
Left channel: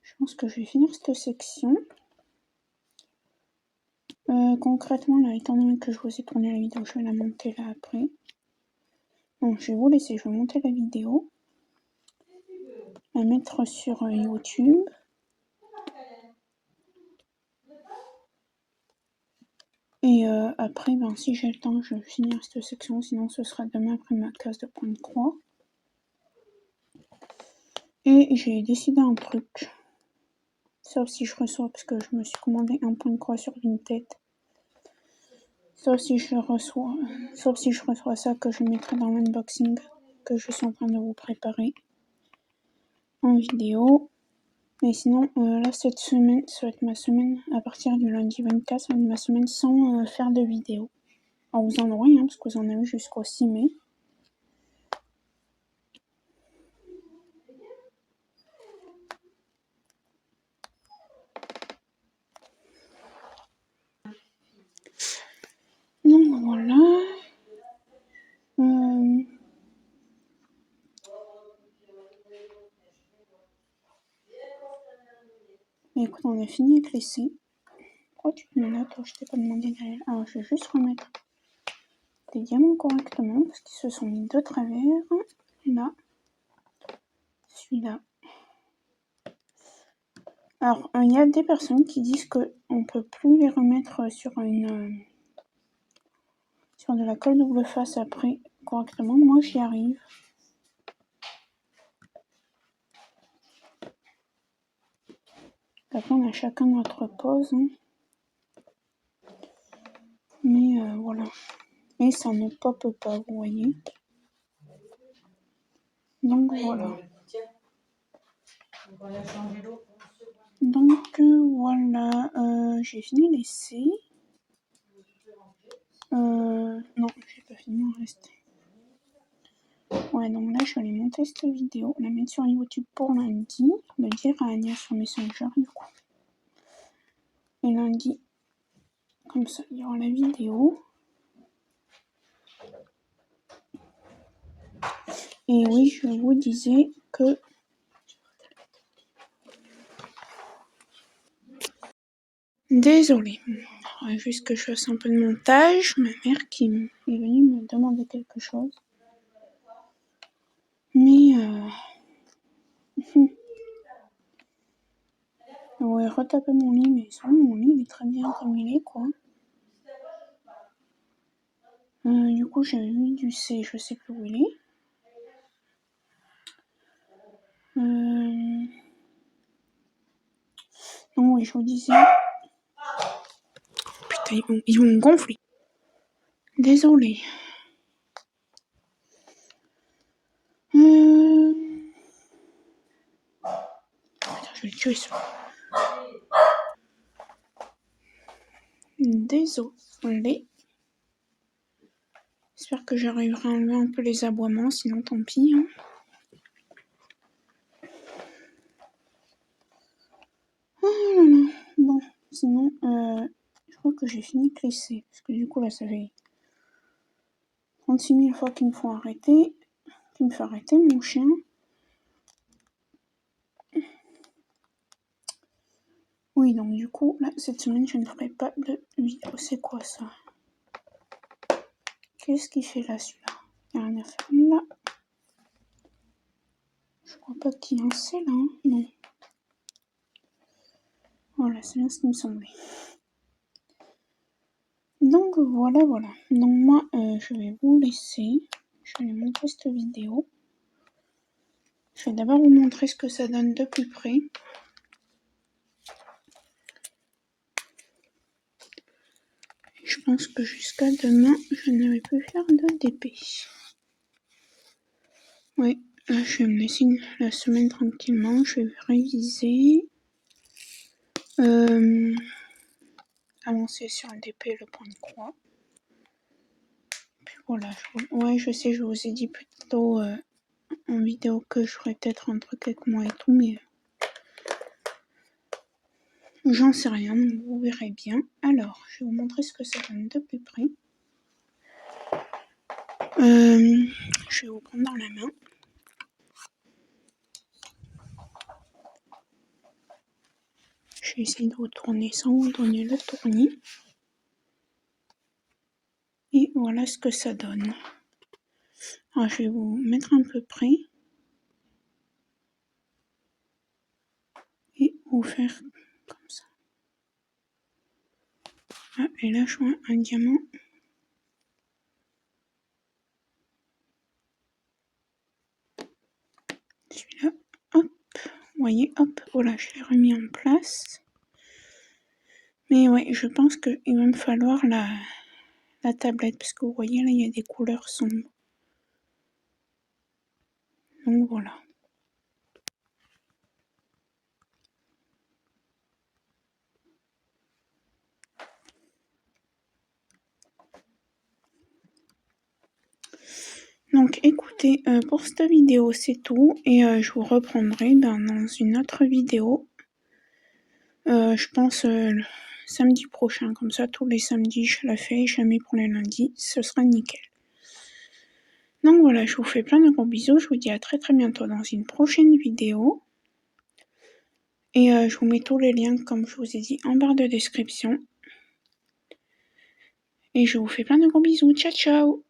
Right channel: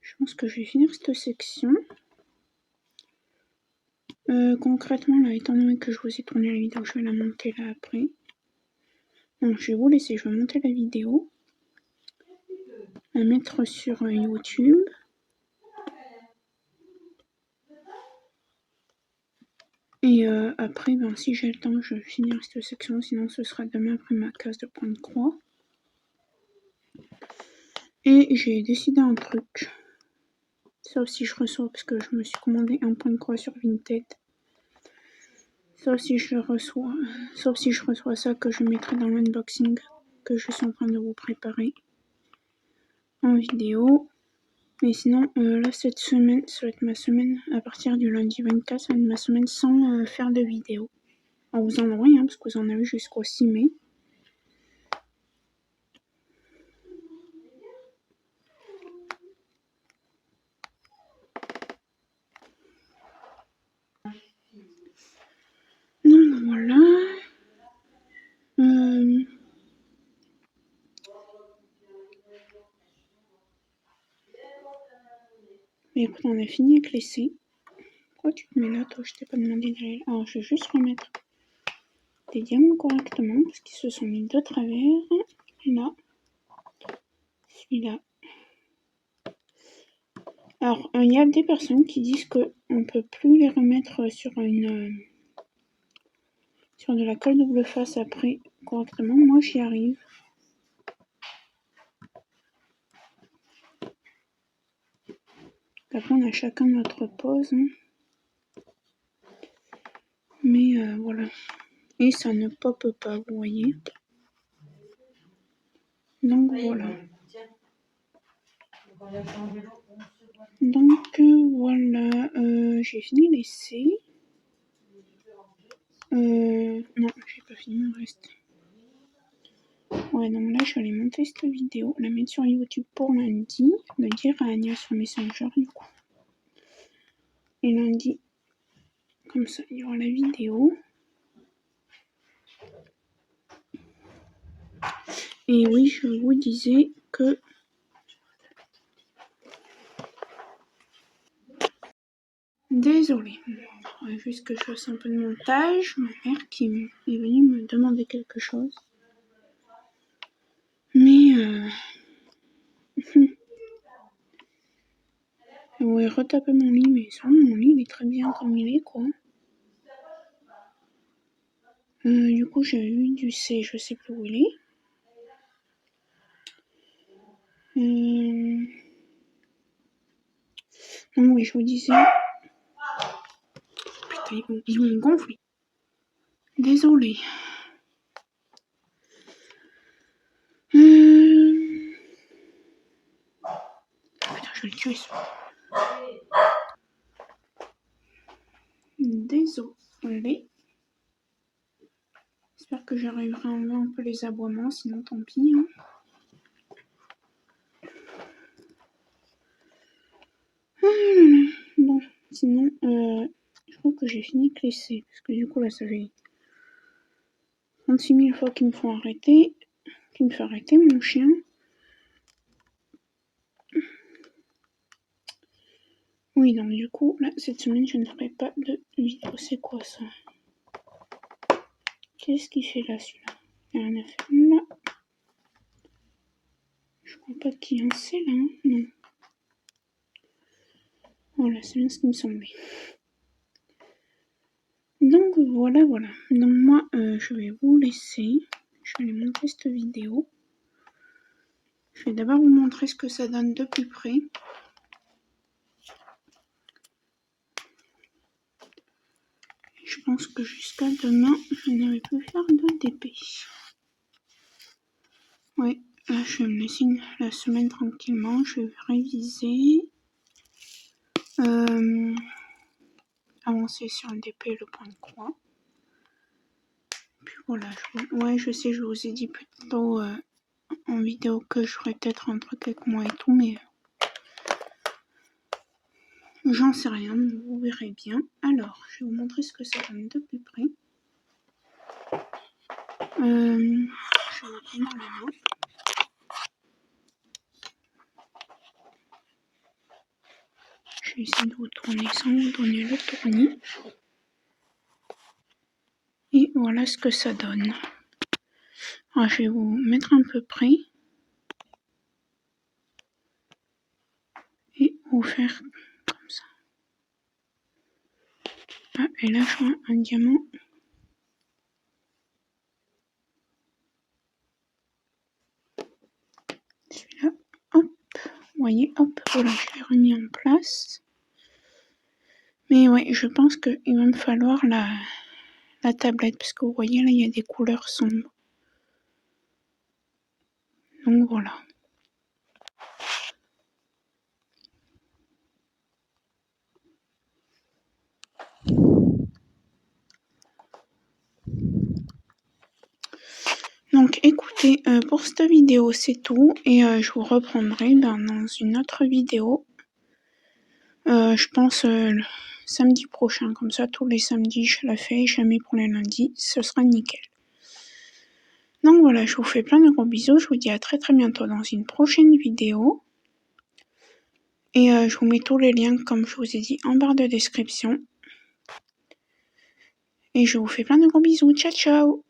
Je pense que je vais finir cette section. Concrètement, là, étant donné que je vous ai tourné la vidéo, je vais la monter là après. Donc, je vais vous laisser, je vais monter la vidéo, la mettre sur YouTube. Et après, ben, si j'ai le temps, je vais finir cette section, sinon ce sera demain après ma case de point de croix. Et j'ai décidé un truc. Sauf si je reçois, parce que je me suis commandé un point de croix sur Vinted. Sauf si je reçois ça que je mettrai dans l'unboxing que je suis en train de vous préparer en vidéo. Mais sinon, là, cette semaine, ça va être ma semaine à partir du lundi 24, ça va être ma semaine sans faire de vidéo. Alors, vous en aurez, hein, parce que vous en avez jusqu'au 6 mai. Donc voilà. Mais écoute, on a fini avec l'essai. Pourquoi tu te mets là, toi? Je t'ai pas demandé d'aller là. Alors, je vais juste remettre des diamants correctement, parce qu'ils se sont mis de travers. Là. Celui-là. Alors, il y a des personnes qui disent qu'on ne peut plus les remettre sur sur de la colle double face après correctement. Moi, j'y arrive. Après, on a chacun notre pose. Hein. Mais voilà. Et ça ne pop pas, vous voyez. Donc voilà. Donc voilà. J'ai fini l'essai. Non, j'ai pas fini mon reste. Ouais, donc là, je vais aller monter cette vidéo, la mettre sur YouTube pour lundi, le dire à Agnès sur Messenger, du coup. Et lundi, comme ça, il y aura la vidéo. Et oui, je vous disais que... Désolée. Juste que je fasse un peu de montage. Ma mère qui est venue me demander quelque chose. Mais... ouais, retaper mon lit, mais sinon, mon lit, il est très bien comme il est, quoi. Du coup, j'ai eu du C, je sais plus où il est. Non, oui, je vous disais... Putain, ils vont me gonfler. Désolée. Putain, je vais le tuer, ça. Désolée. J'espère que j'arriverai à enlever un peu les aboiements, sinon tant pis. Hein. Bon, sinon, je crois que j'ai fini de laisser. Parce que du coup, là, ça fait 36 000 fois qu'ils me font arrêter. Qu'il me fait arrêter, mon chien. Oui, donc du coup, là, cette semaine, je ne ferai pas de vidéo. C'est quoi ça? Qu'est-ce qu'il fait là, celui-là? Il n'y a rien à faire là. Je crois pas qu'il y ait un C là, hein. Non. Voilà, c'est bien ce qui me semblait. Donc voilà. Donc moi, je vais vous laisser. Je vais aller monter cette vidéo. Je vais d'abord vous montrer ce que ça donne de plus près. Je pense que jusqu'à demain, je ne vais plus faire de DP. Oui, là, je vais me laisser la semaine tranquillement. Je vais réviser. Avancer sur un DP, le point de croix. Puis Voilà, ouais, je sais, je vous ai dit plus tôt en vidéo que je ferais peut-être un truc avec moi et tout, mais j'en sais rien, vous verrez bien. Alors, je vais vous montrer ce que ça donne de plus près. Je vais vous prendre dans la main. Je vais essayer de vous tourner sans vous donner le tournis. Et voilà ce que ça donne. Alors, je vais vous mettre un peu près. Et vous faire comme ça. Ah, et là, je vois un diamant. Celui-là, hop, vous voyez, hop, voilà, je l'ai remis en place. Mais ouais, je pense qu'il va me falloir la tablette, parce que vous voyez, là, il y a des couleurs sombres. Donc voilà. Donc écoutez, pour cette vidéo, c'est tout. Et je vous reprendrai dans une autre vidéo. Je pense samedi prochain. Comme ça, tous les samedis, je la fais. Jamais pour les lundis. Ce sera nickel. Donc voilà, je vous fais plein de gros bisous. Je vous dis à très très bientôt dans une prochaine vidéo. Et je vous mets tous les liens, comme je vous ai dit, en barre de description. Et je vous fais plein de gros bisous. Ciao, ciao!